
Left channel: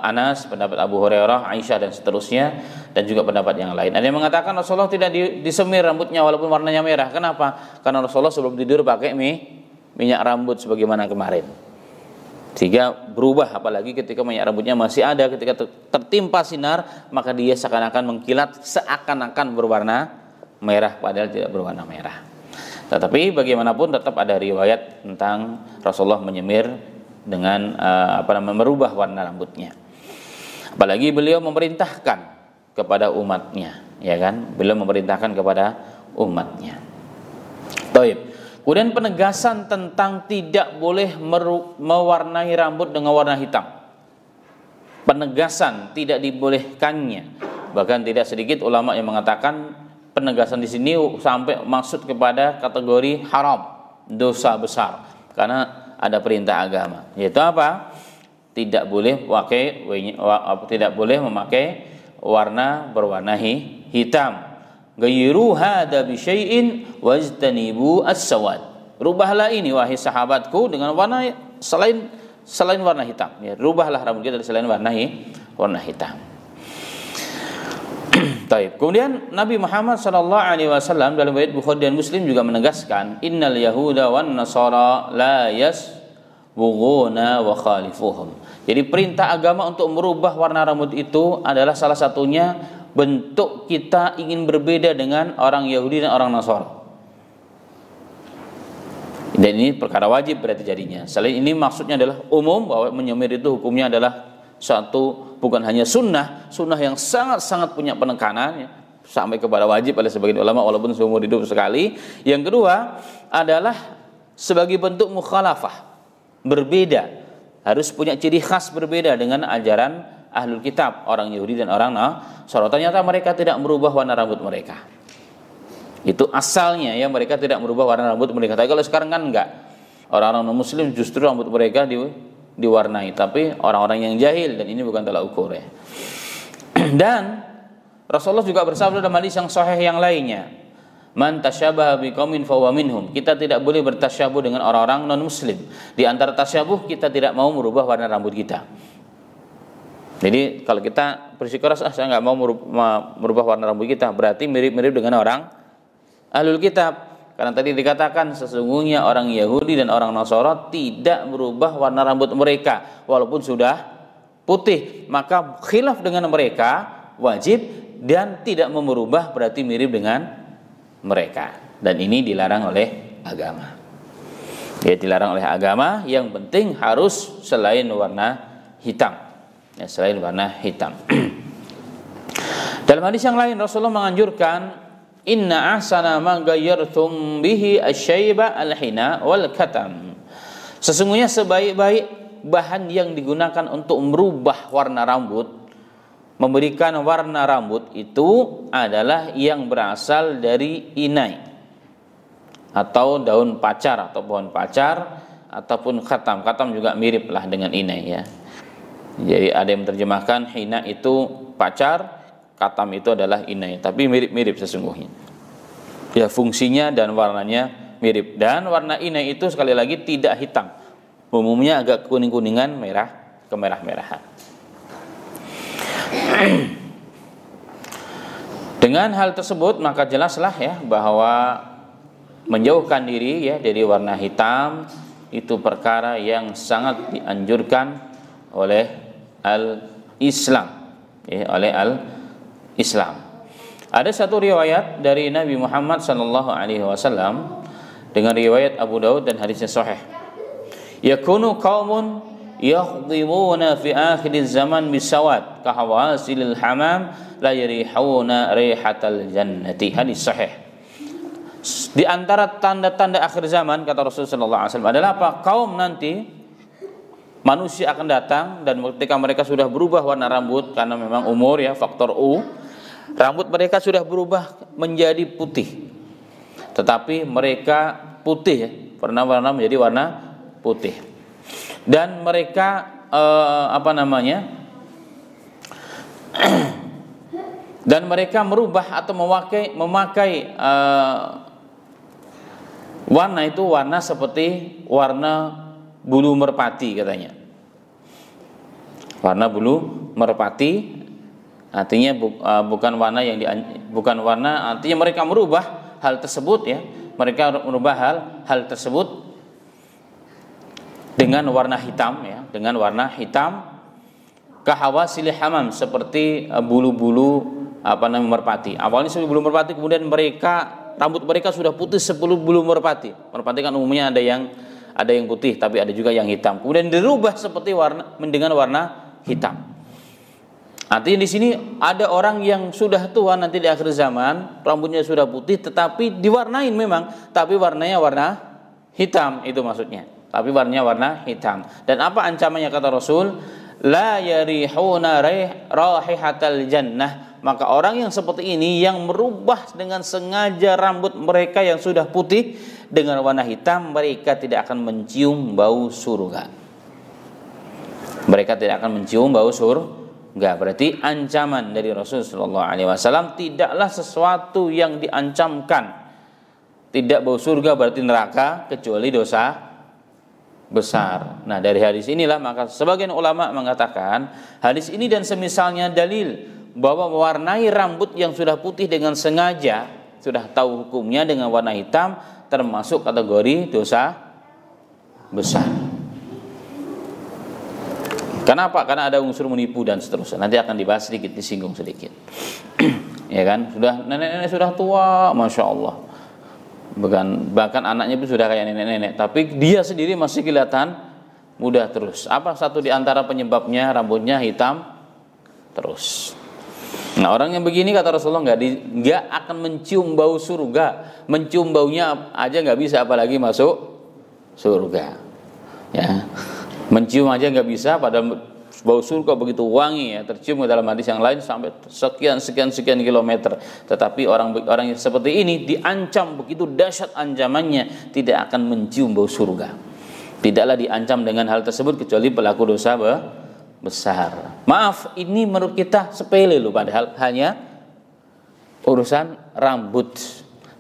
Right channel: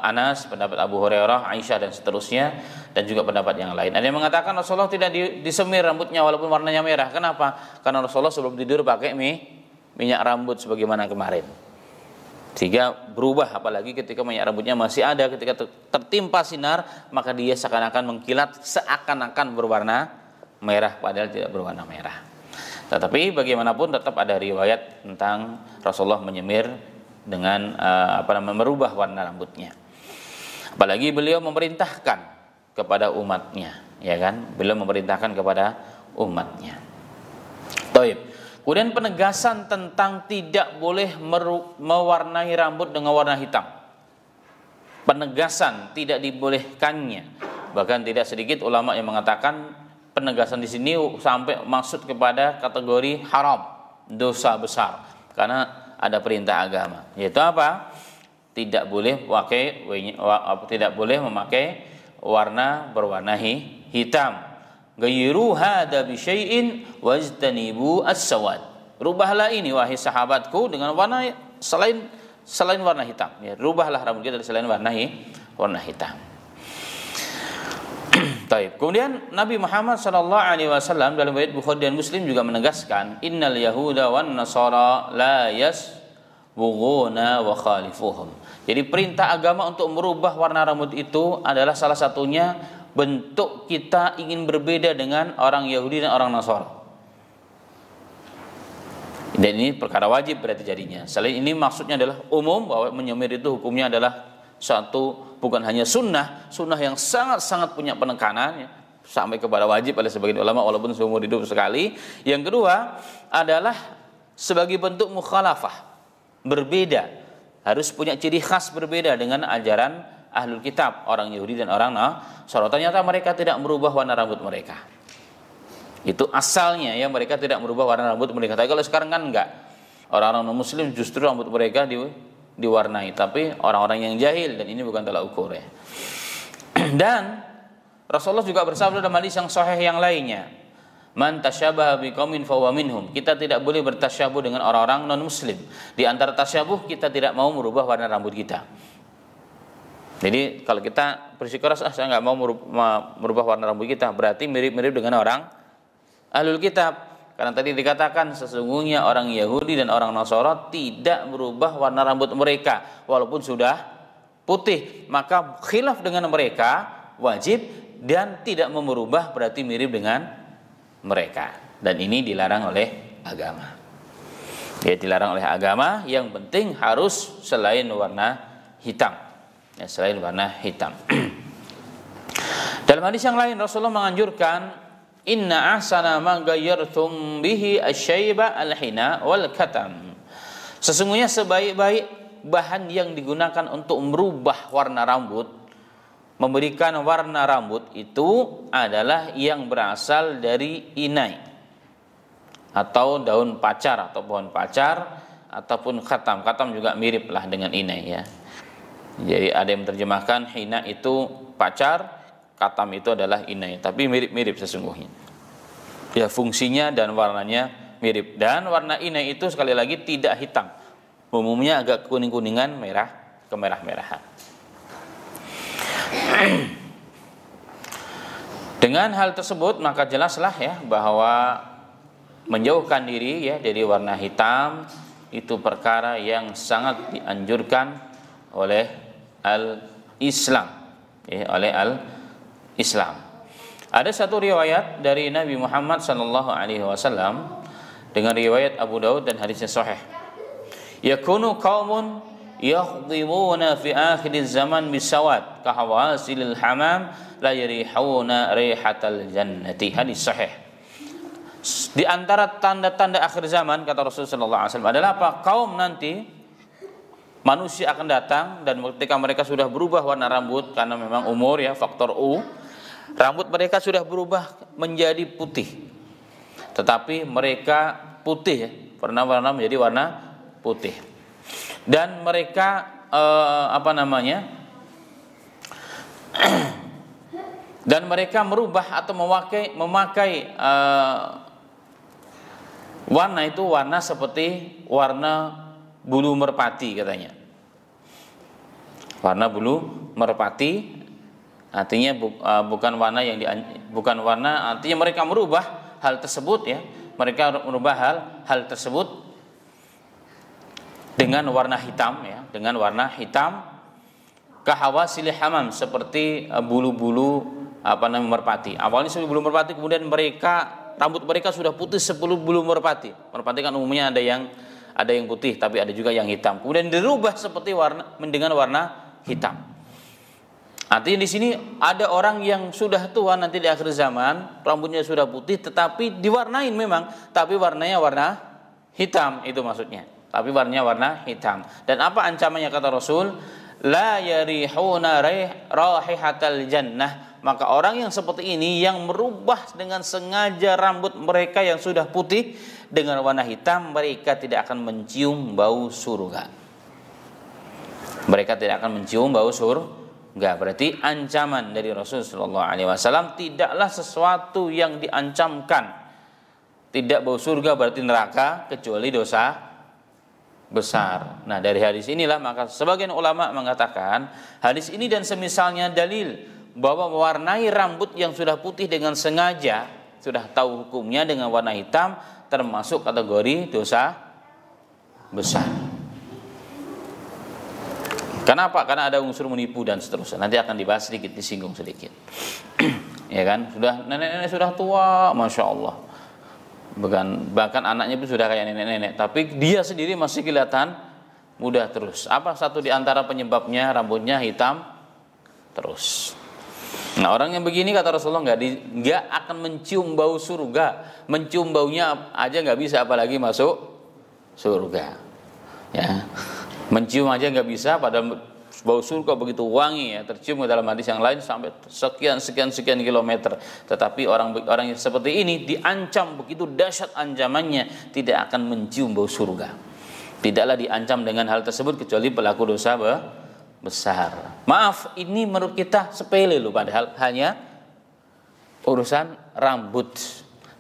Anas, pendapat Abu Hurairah, Aisyah dan seterusnya, dan juga pendapat yang lain. Ada yang mengatakan Rasulullah tidak disemir rambutnya walaupun warnanya merah. Kenapa? Karena Rasulullah sebelum tidur pakai minyak rambut sebagaimana kemarin, sehingga berubah. Apalagi ketika minyak rambutnya masih ada, ketika tertimpa sinar, maka dia seakan-akan mengkilat, seakan-akan berwarna merah padahal tidak berwarna merah. Tetapi bagaimanapun tetap ada riwayat tentang Rasulullah menyemir dengan merubah warna rambutnya. Apalagi beliau memerintahkan kepada umatnya, ya kan? Beliau memerintahkan kepada umatnya. Baik. Kemudian penegasan tentang tidak boleh mewarnai rambut dengan warna hitam. Penegasan tidak dibolehkannya. Bahkan tidak sedikit ulama yang mengatakan penegasan di sini sampai maksud kepada kategori haram, dosa besar, karena ada perintah agama, yaitu apa? Tidak boleh memakai warna berwarna hitam. Ghayru hadza bi syai'in wajtanibu as-sawad. Rubahlah ini wahai sahabatku dengan warna selain warna hitam. Ya, rubahlah rambut kita selain warna hitam. Taib. Kemudian Nabi Muhammad SAW dalam riwayat Bukhari dan Muslim juga menegaskan, innal yahuda wan nasara la yasbughuna wa khalifuhum. Jadi perintah agama untuk merubah warna rambut itu adalah salah satunya bentuk kita ingin berbeda dengan orang Yahudi dan orang Nasara. Dan ini perkara wajib berarti jadinya. Selain ini maksudnya adalah umum, bahwa menyemir itu hukumnya adalah satu, bukan hanya sunnah yang sangat-sangat punya penekanan, ya, sampai kepada wajib oleh sebagian ulama walaupun seumur hidup sekali. Yang kedua adalah sebagai bentuk mukhalafah, berbeda, harus punya ciri khas berbeda dengan ajaran ahlul kitab, orang Yahudi dan orang Nasara. Ternyata mereka tidak merubah warna rambut mereka. Itu asalnya, ya, mereka tidak merubah warna rambut mereka. Tapi kalau sekarang kan enggak. Orang-orang non-muslim justru rambut mereka diwarnai, tapi orang-orang yang jahil, dan ini bukan tolak ukur, ya. Dan Rasulullah juga bersabda dalam hadis yang sahih yang lainnya, man tasyabaha biqaumin fahuwa minhum. Kita tidak boleh bertasyabuh dengan orang-orang non-muslim. Di antara tasyabuh, kita tidak mau merubah warna rambut kita. Jadi kalau kita bersikeras, saya nggak mau merubah warna rambut kita, berarti mirip-mirip dengan orang ahlul kitab. Karena tadi dikatakan sesungguhnya orang Yahudi dan orang Nasara tidak merubah warna rambut mereka walaupun sudah putih. Maka khilaf dengan mereka wajib, dan tidak merubah berarti mirip dengan mereka. Dan ini dilarang oleh agama. Ya, dilarang oleh agama. Yang penting harus selain warna hitam. Ya, selain warna hitam. Dalam hadis yang lain Rasulullah menganjurkan, inna ahsana ma ghayyartum bihi asy-syaiba al-hina wal katam. Sesungguhnya sebaik-baik bahan yang digunakan untuk merubah warna rambut, memberikan warna rambut itu adalah yang berasal dari inai atau daun pacar atau pohon pacar ataupun khatam. Khatam juga mirip lah dengan inai, ya. Jadi ada yang menerjemahkan hina itu pacar, khatam itu adalah inai, tapi mirip-mirip sesungguhnya. Ya, fungsinya dan warnanya mirip. Dan warna inai itu sekali lagi tidak hitam. Umumnya agak kuning-kuningan, merah, kemerah-merahan. Dengan hal tersebut maka jelaslah, ya, bahwa menjauhkan diri, ya, dari warna hitam itu perkara yang sangat dianjurkan oleh al-Islam, ya, oleh al-Islam. Ada satu riwayat dari Nabi Muhammad SAW dengan riwayat Abu Daud dan hadisnya sahih. Yakunu qaumun yakhdhibuna fi akhiriz zaman bisawad kahawasilil hamam la yarihuna rihatal jannati. Hadis sahih. Di antara tanda-tanda akhir zaman, kata Rasulullah SAW, adalah apa? Kaum nanti manusia akan datang, dan ketika mereka sudah berubah warna rambut, karena memang umur, ya, faktor U, rambut mereka sudah berubah menjadi putih. Tetapi mereka putih, ya, warna menjadi warna putih. Dan mereka dan mereka merubah atau memakai warna itu warna seperti warna bulu merpati, katanya. Warna bulu merpati artinya bukan warna artinya mereka merubah hal tersebut ya. Mereka merubah hal tersebut dengan warna hitam ya, dengan warna hitam kahawasil hamam, seperti bulu-bulu merpati. Awalnya seperti bulu merpati, kemudian rambut mereka sudah putih seperti bulu merpati. Merpati kan umumnya ada yang putih, tapi ada juga yang hitam. Kemudian dirubah seperti dengan warna hitam. Artinya di sini ada orang yang sudah tua nanti di akhir zaman, rambutnya sudah putih, tetapi diwarnain memang, tapi warnanya warna hitam, itu maksudnya. Tapi warnanya warna hitam. Dan apa ancamannya kata Rasul? La yarihuna raihatal jannah. Maka orang yang seperti ini yang merubah dengan sengaja rambut mereka yang sudah putih dengan warna hitam, mereka tidak akan mencium bau surga. Mereka tidak akan mencium bau surga. Berarti ancaman dari Rasulullah SAW tidaklah sesuatu yang diancamkan. Tidak bau surga berarti neraka, kecuali dosa besar. Nah, dari hadis inilah maka sebagian ulama mengatakan hadis ini dan semisalnya dalil bahwa mewarnai rambut yang sudah putih dengan sengaja, sudah tahu hukumnya, dengan warna hitam termasuk kategori dosa besar. Kenapa? Karena ada unsur menipu dan seterusnya. Nanti akan dibahas sedikit, disinggung sedikit. Ya kan? Sudah nenek-nenek sudah tua, masya Allah. Bahkan anaknya pun sudah kayak nenek-nenek, tapi dia sendiri masih kelihatan muda terus. Apa satu di antara penyebabnya? Rambutnya hitam terus. Nah, orang yang begini kata Rasulullah nggak akan mencium bau surga. Mencium baunya aja nggak bisa, apalagi masuk surga. Ya, mencium aja nggak bisa, padahal bau surga begitu wangi ya, tercium dalam hadis yang lain sampai sekian kilometer. Tetapi orang yang seperti ini diancam begitu dahsyat ancamannya, tidak akan mencium bau surga. Tidaklah diancam dengan hal tersebut kecuali pelaku dosa besar. Maaf, ini menurut kita sepele loh, padahal hanya urusan rambut.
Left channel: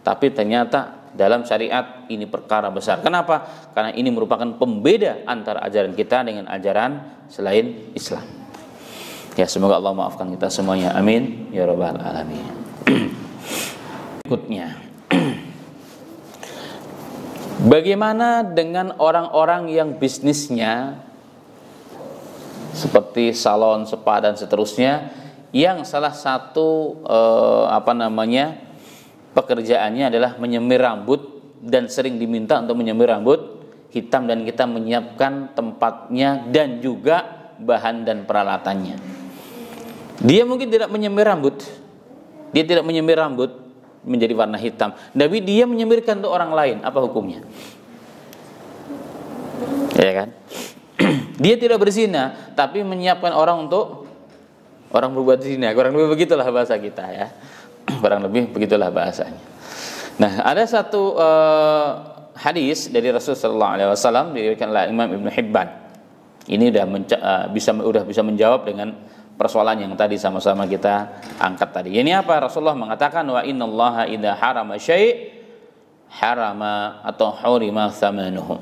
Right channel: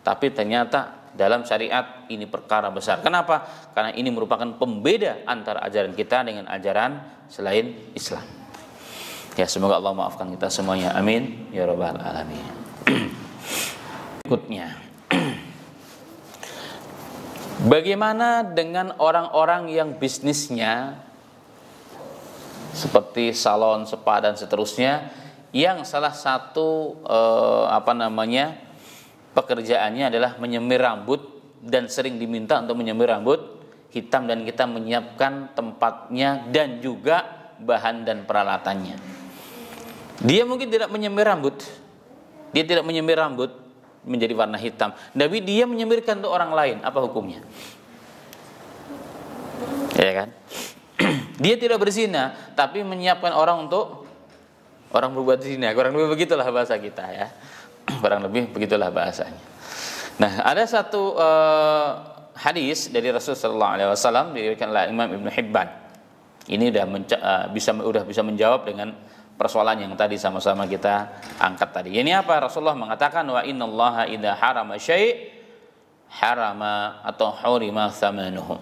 Tapi ternyata dalam syariat ini perkara besar. Kenapa? Karena ini merupakan pembeda antara ajaran kita dengan ajaran selain Islam. Ya, semoga Allah maafkan kita semuanya. Amin ya rabbal alamin. Berikutnya, bagaimana dengan orang-orang yang bisnisnya seperti salon, spa dan seterusnya, yang salah satu pekerjaannya adalah menyemir rambut dan sering diminta untuk menyemir rambut hitam, dan kita menyiapkan tempatnya dan juga bahan dan peralatannya. Dia mungkin tidak menyemir rambut, dia tidak menyemir rambut menjadi warna hitam, tapi dia menyemirkan untuk orang lain. Apa hukumnya? Ya kan? Dia tidak berzina, tapi menyiapkan orang untuk orang berbuat zina. Kurang lebih begitulah bahasa kita ya. Kurang lebih begitulah bahasanya. Nah, ada satu hadis dari Rasulullah SAW diriwayatkan oleh Imam Ibnu Hibban. Ini udah bisa menjawab dengan persoalan yang tadi sama-sama kita angkat tadi. Ini apa? Rasulullah mengatakan wa innallaha idza harama syai' harama atau hurima tsamanuhu.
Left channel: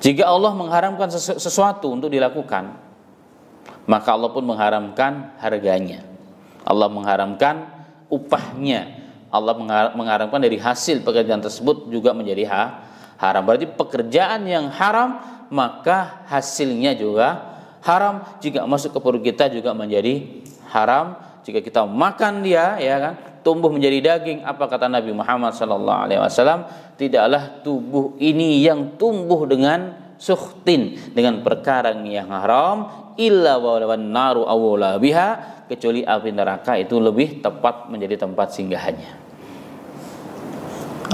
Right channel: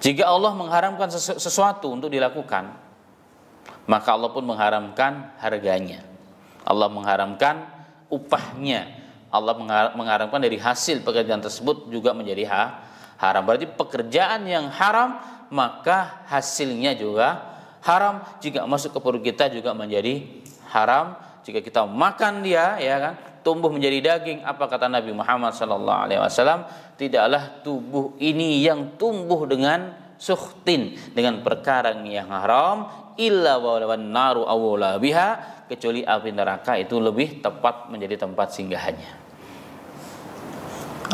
Jika Allah mengharamkan sesuatu untuk dilakukan, maka Allah pun mengharamkan harganya. Allah mengharamkan upahnya. Allah mengharamkan dari hasil pekerjaan tersebut juga menjadi haram. Berarti pekerjaan yang haram, maka hasilnya juga haram. Jika masuk ke perut kita juga menjadi haram. Jika kita makan dia, ya kan, tumbuh menjadi daging. Apa kata Nabi Muhammad SAW? Tidaklah tubuh ini yang tumbuh dengan sukhtin, dengan perkara yang haram, illa wan naru awla biha, kecuali api neraka itu lebih tepat menjadi tempat singgahannya.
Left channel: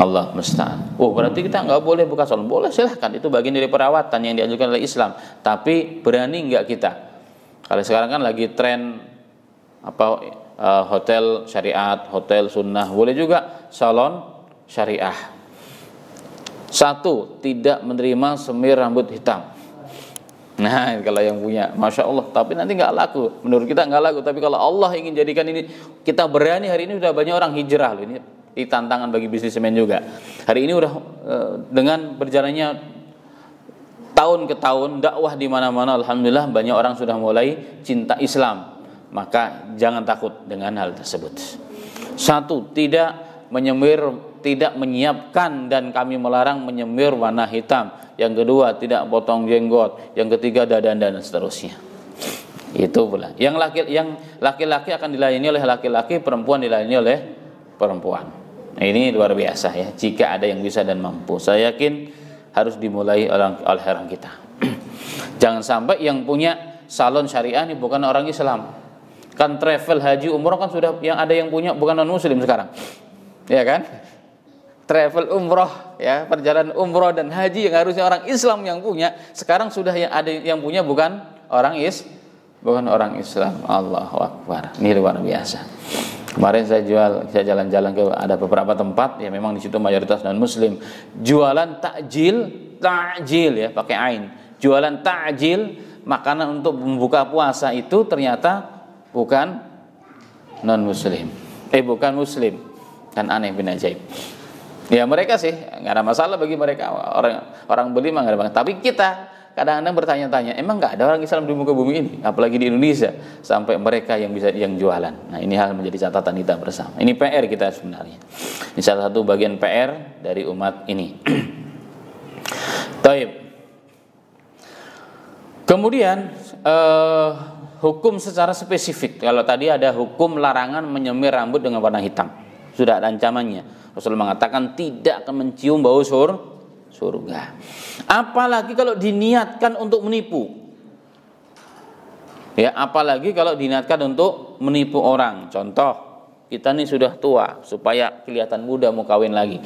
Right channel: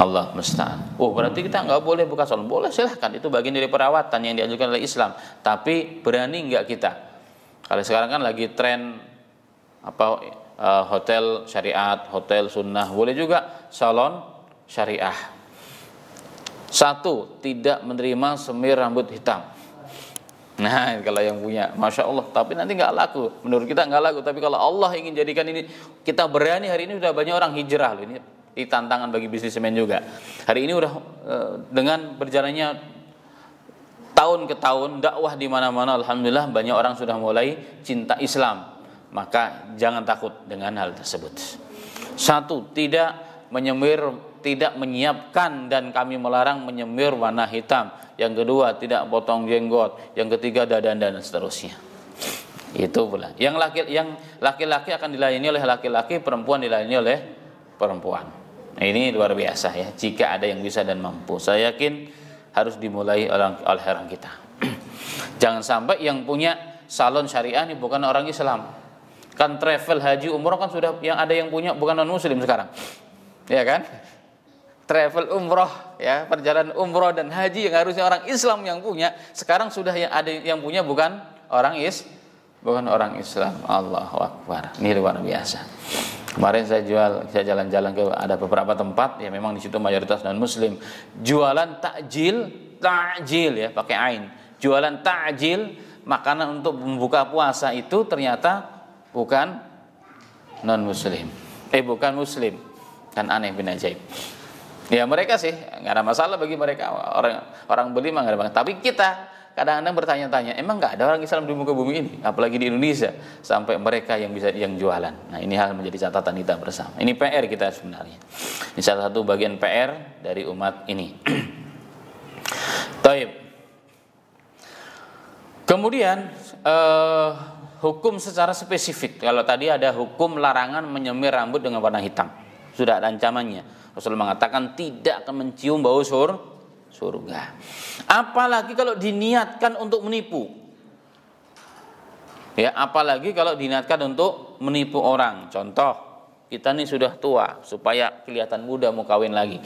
Allah musta'an. Berarti kita nggak boleh buka salon? Boleh, silahkan, itu bagian dari perawatan yang dianjurkan oleh Islam. Tapi berani nggak kita? Kalau sekarang kan lagi tren hotel syariat, hotel sunnah, boleh juga salon syariah. Satu, tidak menerima semir rambut hitam. Nah, kalau yang punya, masya Allah. Tapi nanti nggak laku. Menurut kita nggak laku. Tapi kalau Allah ingin jadikan ini, kita berani. Hari ini sudah banyak orang hijrah loh. Ini tantangan bagi bisnismen juga. Hari ini udah dengan berjalannya tahun ke tahun dakwah di mana-mana, alhamdulillah banyak orang sudah mulai cinta Islam. Maka jangan takut dengan hal tersebut. Satu, tidak menyemir, tidak menyiapkan dan kami melarang menyemir warna hitam. Yang kedua, tidak potong jenggot. Yang ketiga, dadan dan seterusnya. Itu pula. Yang laki-laki akan dilayani oleh laki-laki, perempuan dilayani oleh perempuan. Nah, ini luar biasa ya. Jika ada yang bisa dan mampu, saya yakin harus dimulai oleh orang kita. Jangan sampai yang punya salon syariah ini bukan orang Islam. Kan travel haji umroh kan sudah yang ada yang punya bukan non muslim sekarang. Ya kan? Travel umroh ya, perjalanan umroh dan haji yang harusnya orang Islam yang punya, sekarang sudah yang ada yang punya bukan orang Islam. Allahu Akbar. Ini luar biasa. Kemarin saya jalan-jalan ke ada beberapa tempat ya, memang di situ mayoritas non muslim. Jualan takjil ya, pakai ain. Jualan takjil, makanan untuk membuka puasa itu ternyata bukan non muslim. Bukan muslim. Kan aneh bin ajaib. Ya mereka sih nggak ada masalah bagi mereka, orang beli mah nggak ada masalah. Tapi kita kadang-kadang bertanya-tanya, emang nggak ada orang Islam di muka bumi ini, apalagi di Indonesia, sampai mereka yang bisa yang jualan. Nah ini hal menjadi catatan kita bersama. Ini PR kita sebenarnya. Ini salah satu bagian PR dari umat ini. Taib. Kemudian hukum secara spesifik. Kalau tadi ada hukum larangan menyemir rambut dengan warna hitam, sudah ada ancamannya. Rasulullah mengatakan tidak akan mencium bau surga. Apalagi kalau diniatkan untuk menipu. Ya, apalagi kalau diniatkan untuk menipu orang. Contoh, kita ini sudah tua supaya kelihatan muda mau kawin lagi.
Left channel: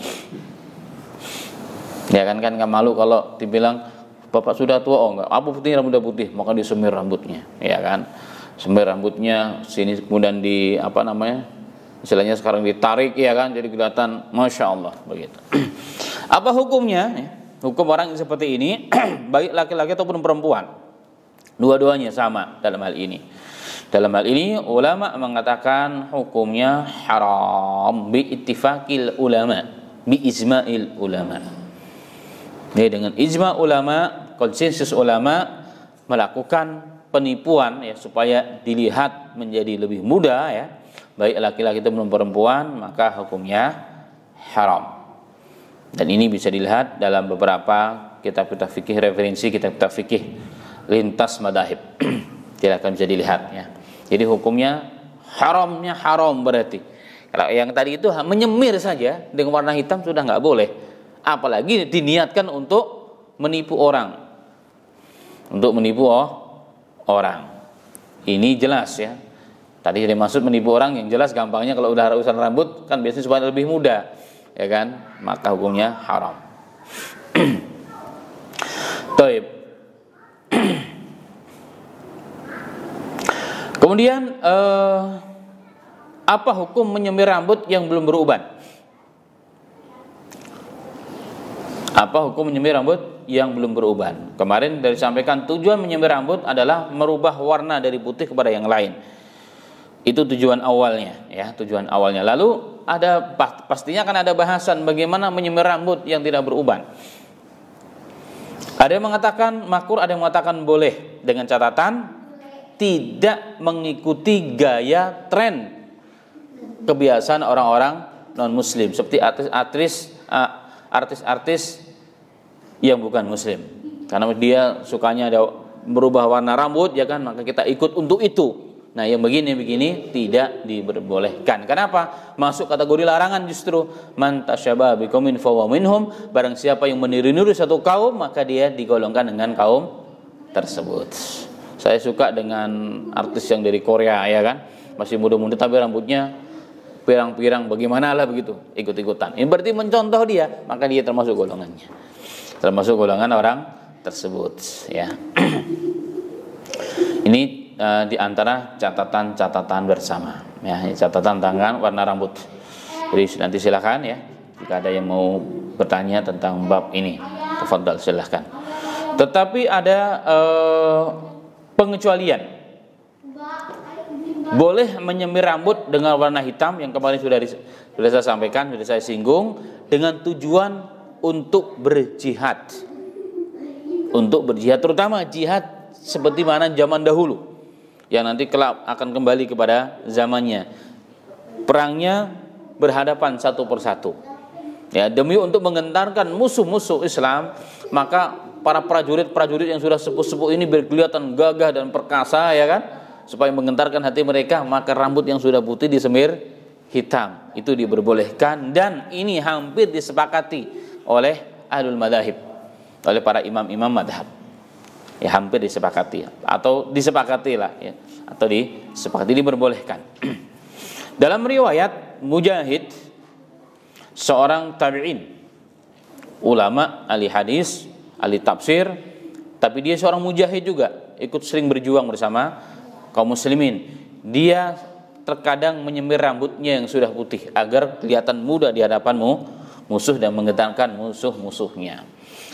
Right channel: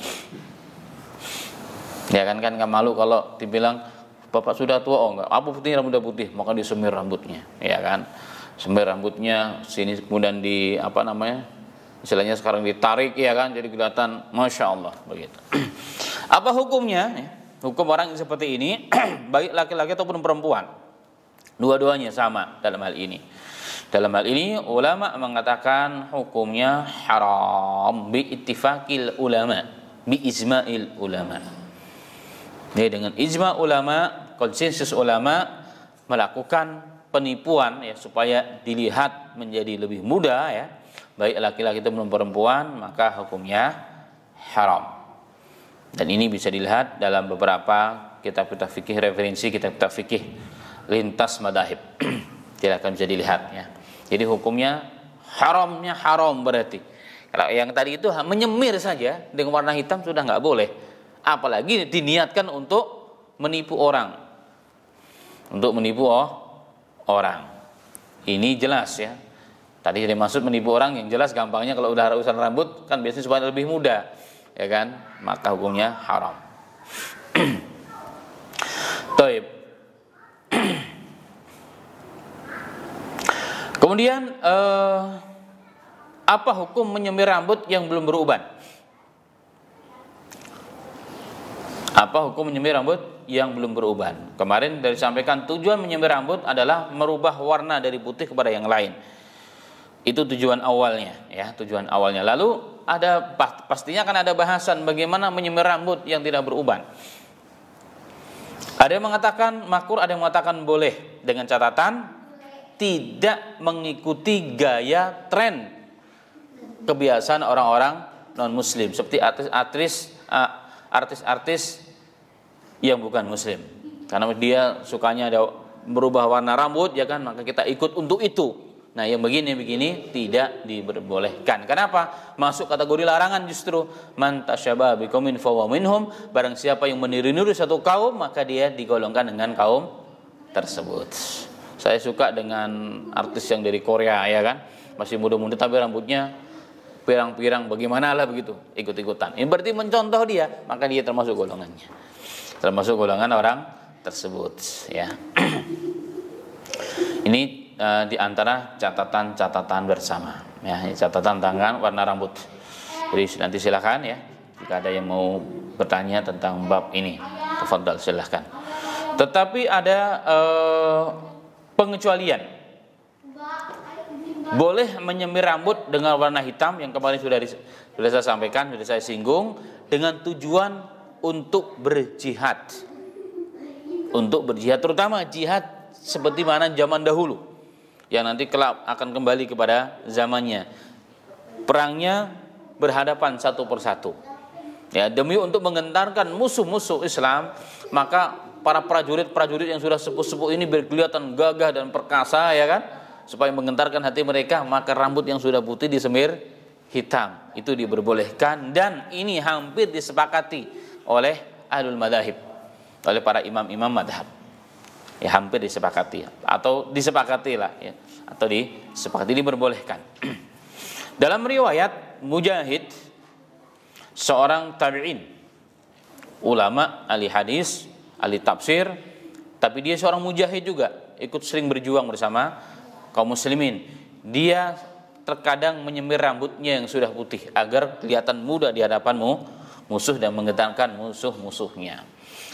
Ya kan nggak malu kalau dibilang bapak sudah tua, enggak. Apa putih rambutnya putih, maka disemir rambutnya, ya kan? Semir rambutnya sini kemudian istilahnya sekarang ditarik ya kan, jadi kelihatan masya Allah begitu. Apa hukumnya? Hukum orang seperti ini baik laki-laki ataupun perempuan, dua-duanya sama dalam hal ini. Dalam hal ini ulama mengatakan hukumnya haram bi ittifaqil ulama, bi ijma'il ulama. Ini dengan ijma ulama, konsensus ulama melakukan penipuan ya supaya dilihat menjadi lebih muda ya, baik laki-laki ataupun perempuan, maka hukumnya haram. Dan ini bisa dilihat dalam beberapa kitab-kitab fikih, referensi kitab-kitab fikih lintas madhab. Silakan bisa dilihat ya. Jadi hukumnya haramnya haram berarti. Kalau yang tadi itu menyemir saja dengan warna hitam sudah nggak boleh. Apalagi diniatkan untuk menipu orang. Untuk menipu orang. Ini jelas ya. Tadi dimaksud menipu orang yang jelas gampangnya kalau udah urusan rambut kan biasanya supaya lebih muda, ya kan? Maka hukumnya haram. Taib. Kemudian apa hukum menyemir rambut yang belum beruban? Apa hukum menyemir rambut yang belum beruban? Kemarin dari sampaikan tujuan menyemir rambut adalah merubah warna dari putih kepada yang lain. Itu tujuan awalnya ya, tujuan awalnya. Lalu ada pastinya akan ada bahasan bagaimana menyemir rambut yang tidak beruban. Ada yang mengatakan makruh, ada yang mengatakan boleh, dengan catatan tidak mengikuti gaya tren kebiasaan orang-orang non muslim seperti artis-artis yang bukan muslim. Karena dia sukanya ada merubah warna rambut ya kan, maka kita ikut untuk itu. Nah yang begini tidak diperbolehkan. Kenapa? Masuk kategori larangan justru. Man tasyabaha biqaumin fahuwa minhum. Barang siapa yang meniru-niru satu kaum, maka dia digolongkan dengan kaum tersebut. Saya suka dengan artis yang dari Korea ya kan, masih muda-muda tapi rambutnya pirang-pirang, bagaimana lah begitu, ikut-ikutan. Ini berarti mencontoh dia, maka dia termasuk golongannya, termasuk golongan orang tersebut ya. Ini di antara catatan bersama ya, catatan tangan warna rambut. Jadi nanti silakan ya, jika ada yang mau bertanya tentang bab ini, tafadhal silakan. Tetapi ada pengecualian. Boleh menyemir rambut dengan warna hitam yang kemarin sudah saya sampaikan, sudah saya singgung, dengan tujuan untuk berjihad. untuk berjihad, terutama jihad seperti mana zaman dahulu yang nanti kelak akan kembali kepada zamannya. Perangnya berhadapan satu persatu. Ya, demi untuk menggentarkan musuh-musuh Islam, maka para prajurit-prajurit yang sudah sepuh-sepuh ini berkelihatan gagah dan perkasa, ya kan? Supaya menggentarkan hati mereka, maka rambut yang sudah putih disemir hitam. Itu diperbolehkan, dan ini hampir disepakati oleh ahlul madhahib, oleh para imam-imam madhab. Ya, hampir disepakati atau disepakati lah, ya, atau disepakati, diperbolehkan. Dalam riwayat Mujahid, seorang tabi'in, ulama, ahli hadis, ahli tafsir, tapi dia seorang mujahid juga, ikut sering berjuang bersama kaum muslimin. Dia terkadang menyemir rambutnya yang sudah putih agar kelihatan muda di hadapan musuh dan menggetarkan musuh-musuhnya.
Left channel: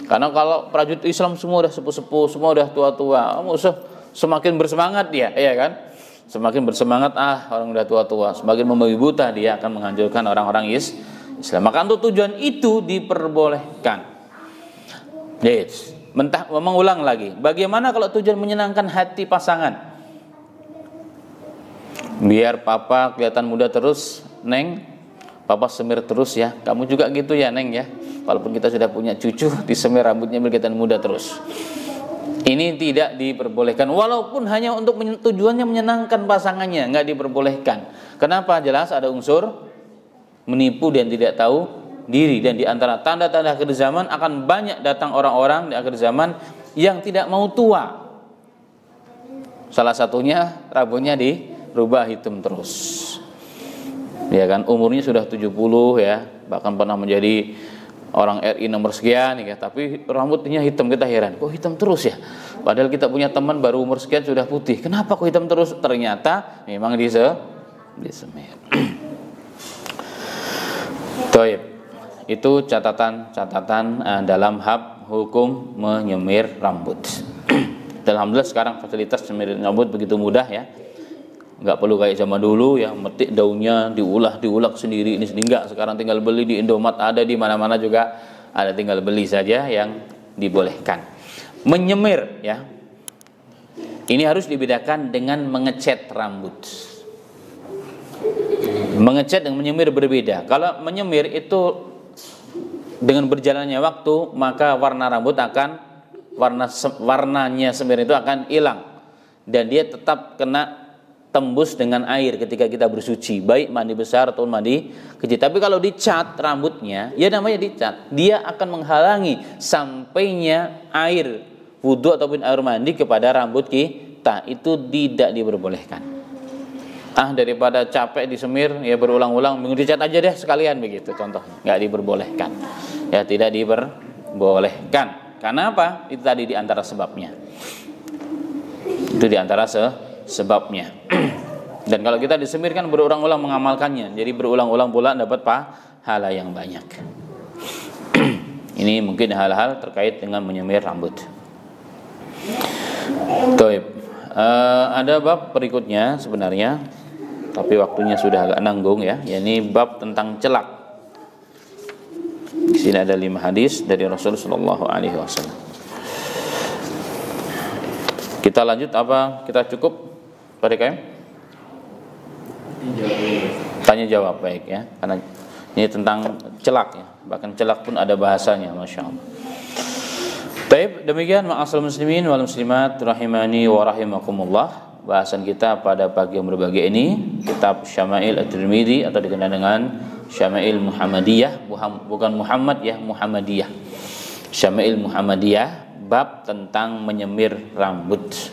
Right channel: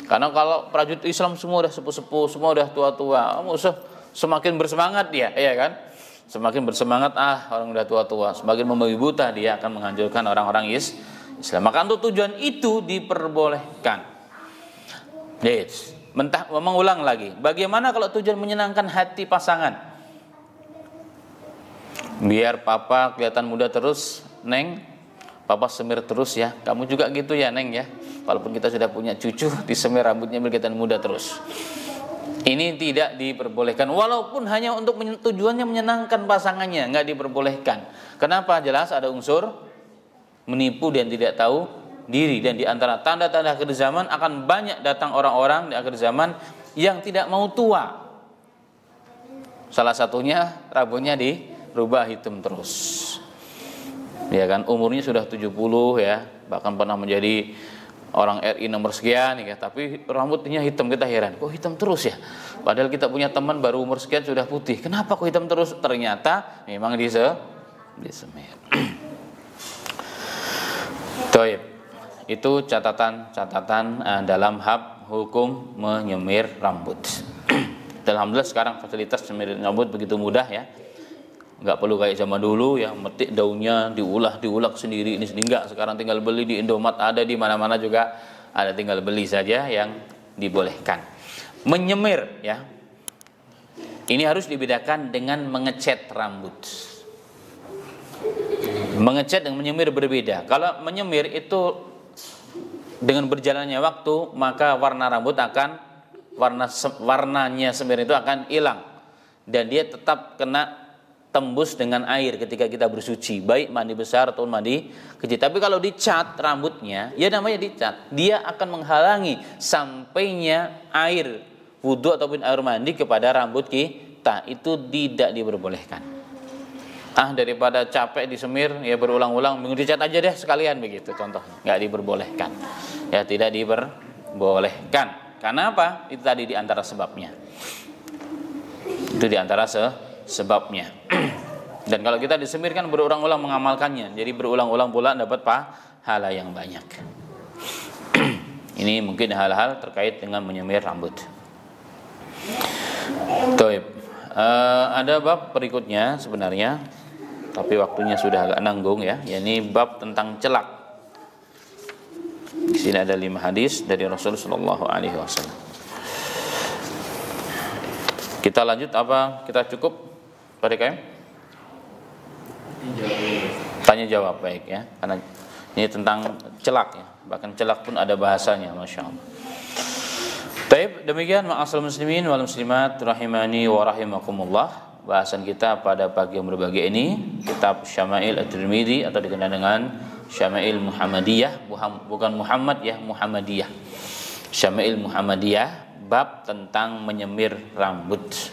Karena kalau prajurit Islam semua udah sepuh-sepuh, semua udah tua-tua, musuh semakin bersemangat dia, ya kan? Semakin bersemangat, orang udah tua-tua, semakin membabi buta, dia akan menghancurkan orang-orang Islam. Maka untuk tujuan itu diperbolehkan. Yes. Mengulang lagi, bagaimana kalau tujuan menyenangkan hati pasangan? Biar papa kelihatan muda terus, Neng, papa semir terus ya. Kamu juga gitu ya, Neng ya. Walaupun kita sudah punya cucu, disemir rambutnya biar kelihatan muda terus. Ini tidak diperbolehkan, walaupun hanya untuk tujuannya menyenangkan pasangannya, nggak diperbolehkan. Kenapa? Jelas ada unsur menipu dan tidak tahu diri. Dan di antara tanda-tanda akhir zaman akan banyak datang orang-orang di akhir zaman yang tidak mau tua. Salah satunya rambutnya dirubah hitam terus. Ya kan, umurnya sudah 70 ya, bahkan pernah menjadi orang RI nomor sekian ya, tapi rambutnya hitam. Kita heran, kok hitam terus ya? Padahal kita punya teman baru umur sekian sudah putih. Kenapa kok hitam terus? Ternyata memang disemir. Toib. Itu catatan dalam bab hukum menyemir rambut. Alhamdulillah sekarang fasilitas menyemir rambut begitu mudah ya. Enggak perlu kayak zaman dulu yang metik daunnya diulek sendiri ini enggak. Sekarang tinggal beli di Indomaret, ada di mana-mana juga ada, tinggal beli saja yang dibolehkan. Menyemir ya. Ini harus dibedakan dengan mengecat rambut. Mengecat dan menyemir berbeda. Kalau menyemir itu dengan berjalannya waktu, maka warna rambut akan warnanya semir itu akan hilang dan dia tetap kena tembus dengan air ketika kita bersuci, baik mandi besar atau mandi kecil. Tapi kalau dicat rambutnya, ya namanya dicat, dia akan menghalangi sampainya air wudu ataupun air mandi kepada rambut kita. Itu tidak diperbolehkan. Daripada capek disemir ya berulang-ulang, minggu dicat aja deh sekalian begitu contohnya. Nggak diperbolehkan. Ya, tidak diperbolehkan. Karena apa? Itu tadi diantara sebabnya. Itu diantara sebabnya. Dan kalau kita disemir kan berulang-ulang mengamalkannya, jadi berulang-ulang pula dapat pahala yang banyak. Ini mungkin hal-hal terkait dengan menyemir rambut. Toib. Ada bab berikutnya sebenarnya, tapi waktunya sudah agak nanggung ya. Ini bab tentang celak. Di sini ada 5 hadis dari Rasulullah SAW. Kita lanjut apa? Kita cukup pada KM? Tanya jawab, baik ya. Karena ini tentang celak ya. Bahkan celak pun ada bahasanya, Masya Allah. Baik, demikian ma'asal muslimin wal muslimat rahimani wa rahimakumullah. Bahasan kita pada pagi yang berbahagia ini, kitab Syama'il At-Tirmidzi atau dikenal dengan Syama'il Muhammadiyah, bukan Muhammad ya, Muhammadiyah. Syama'il Muhammadiyah, bab tentang menyemir rambut.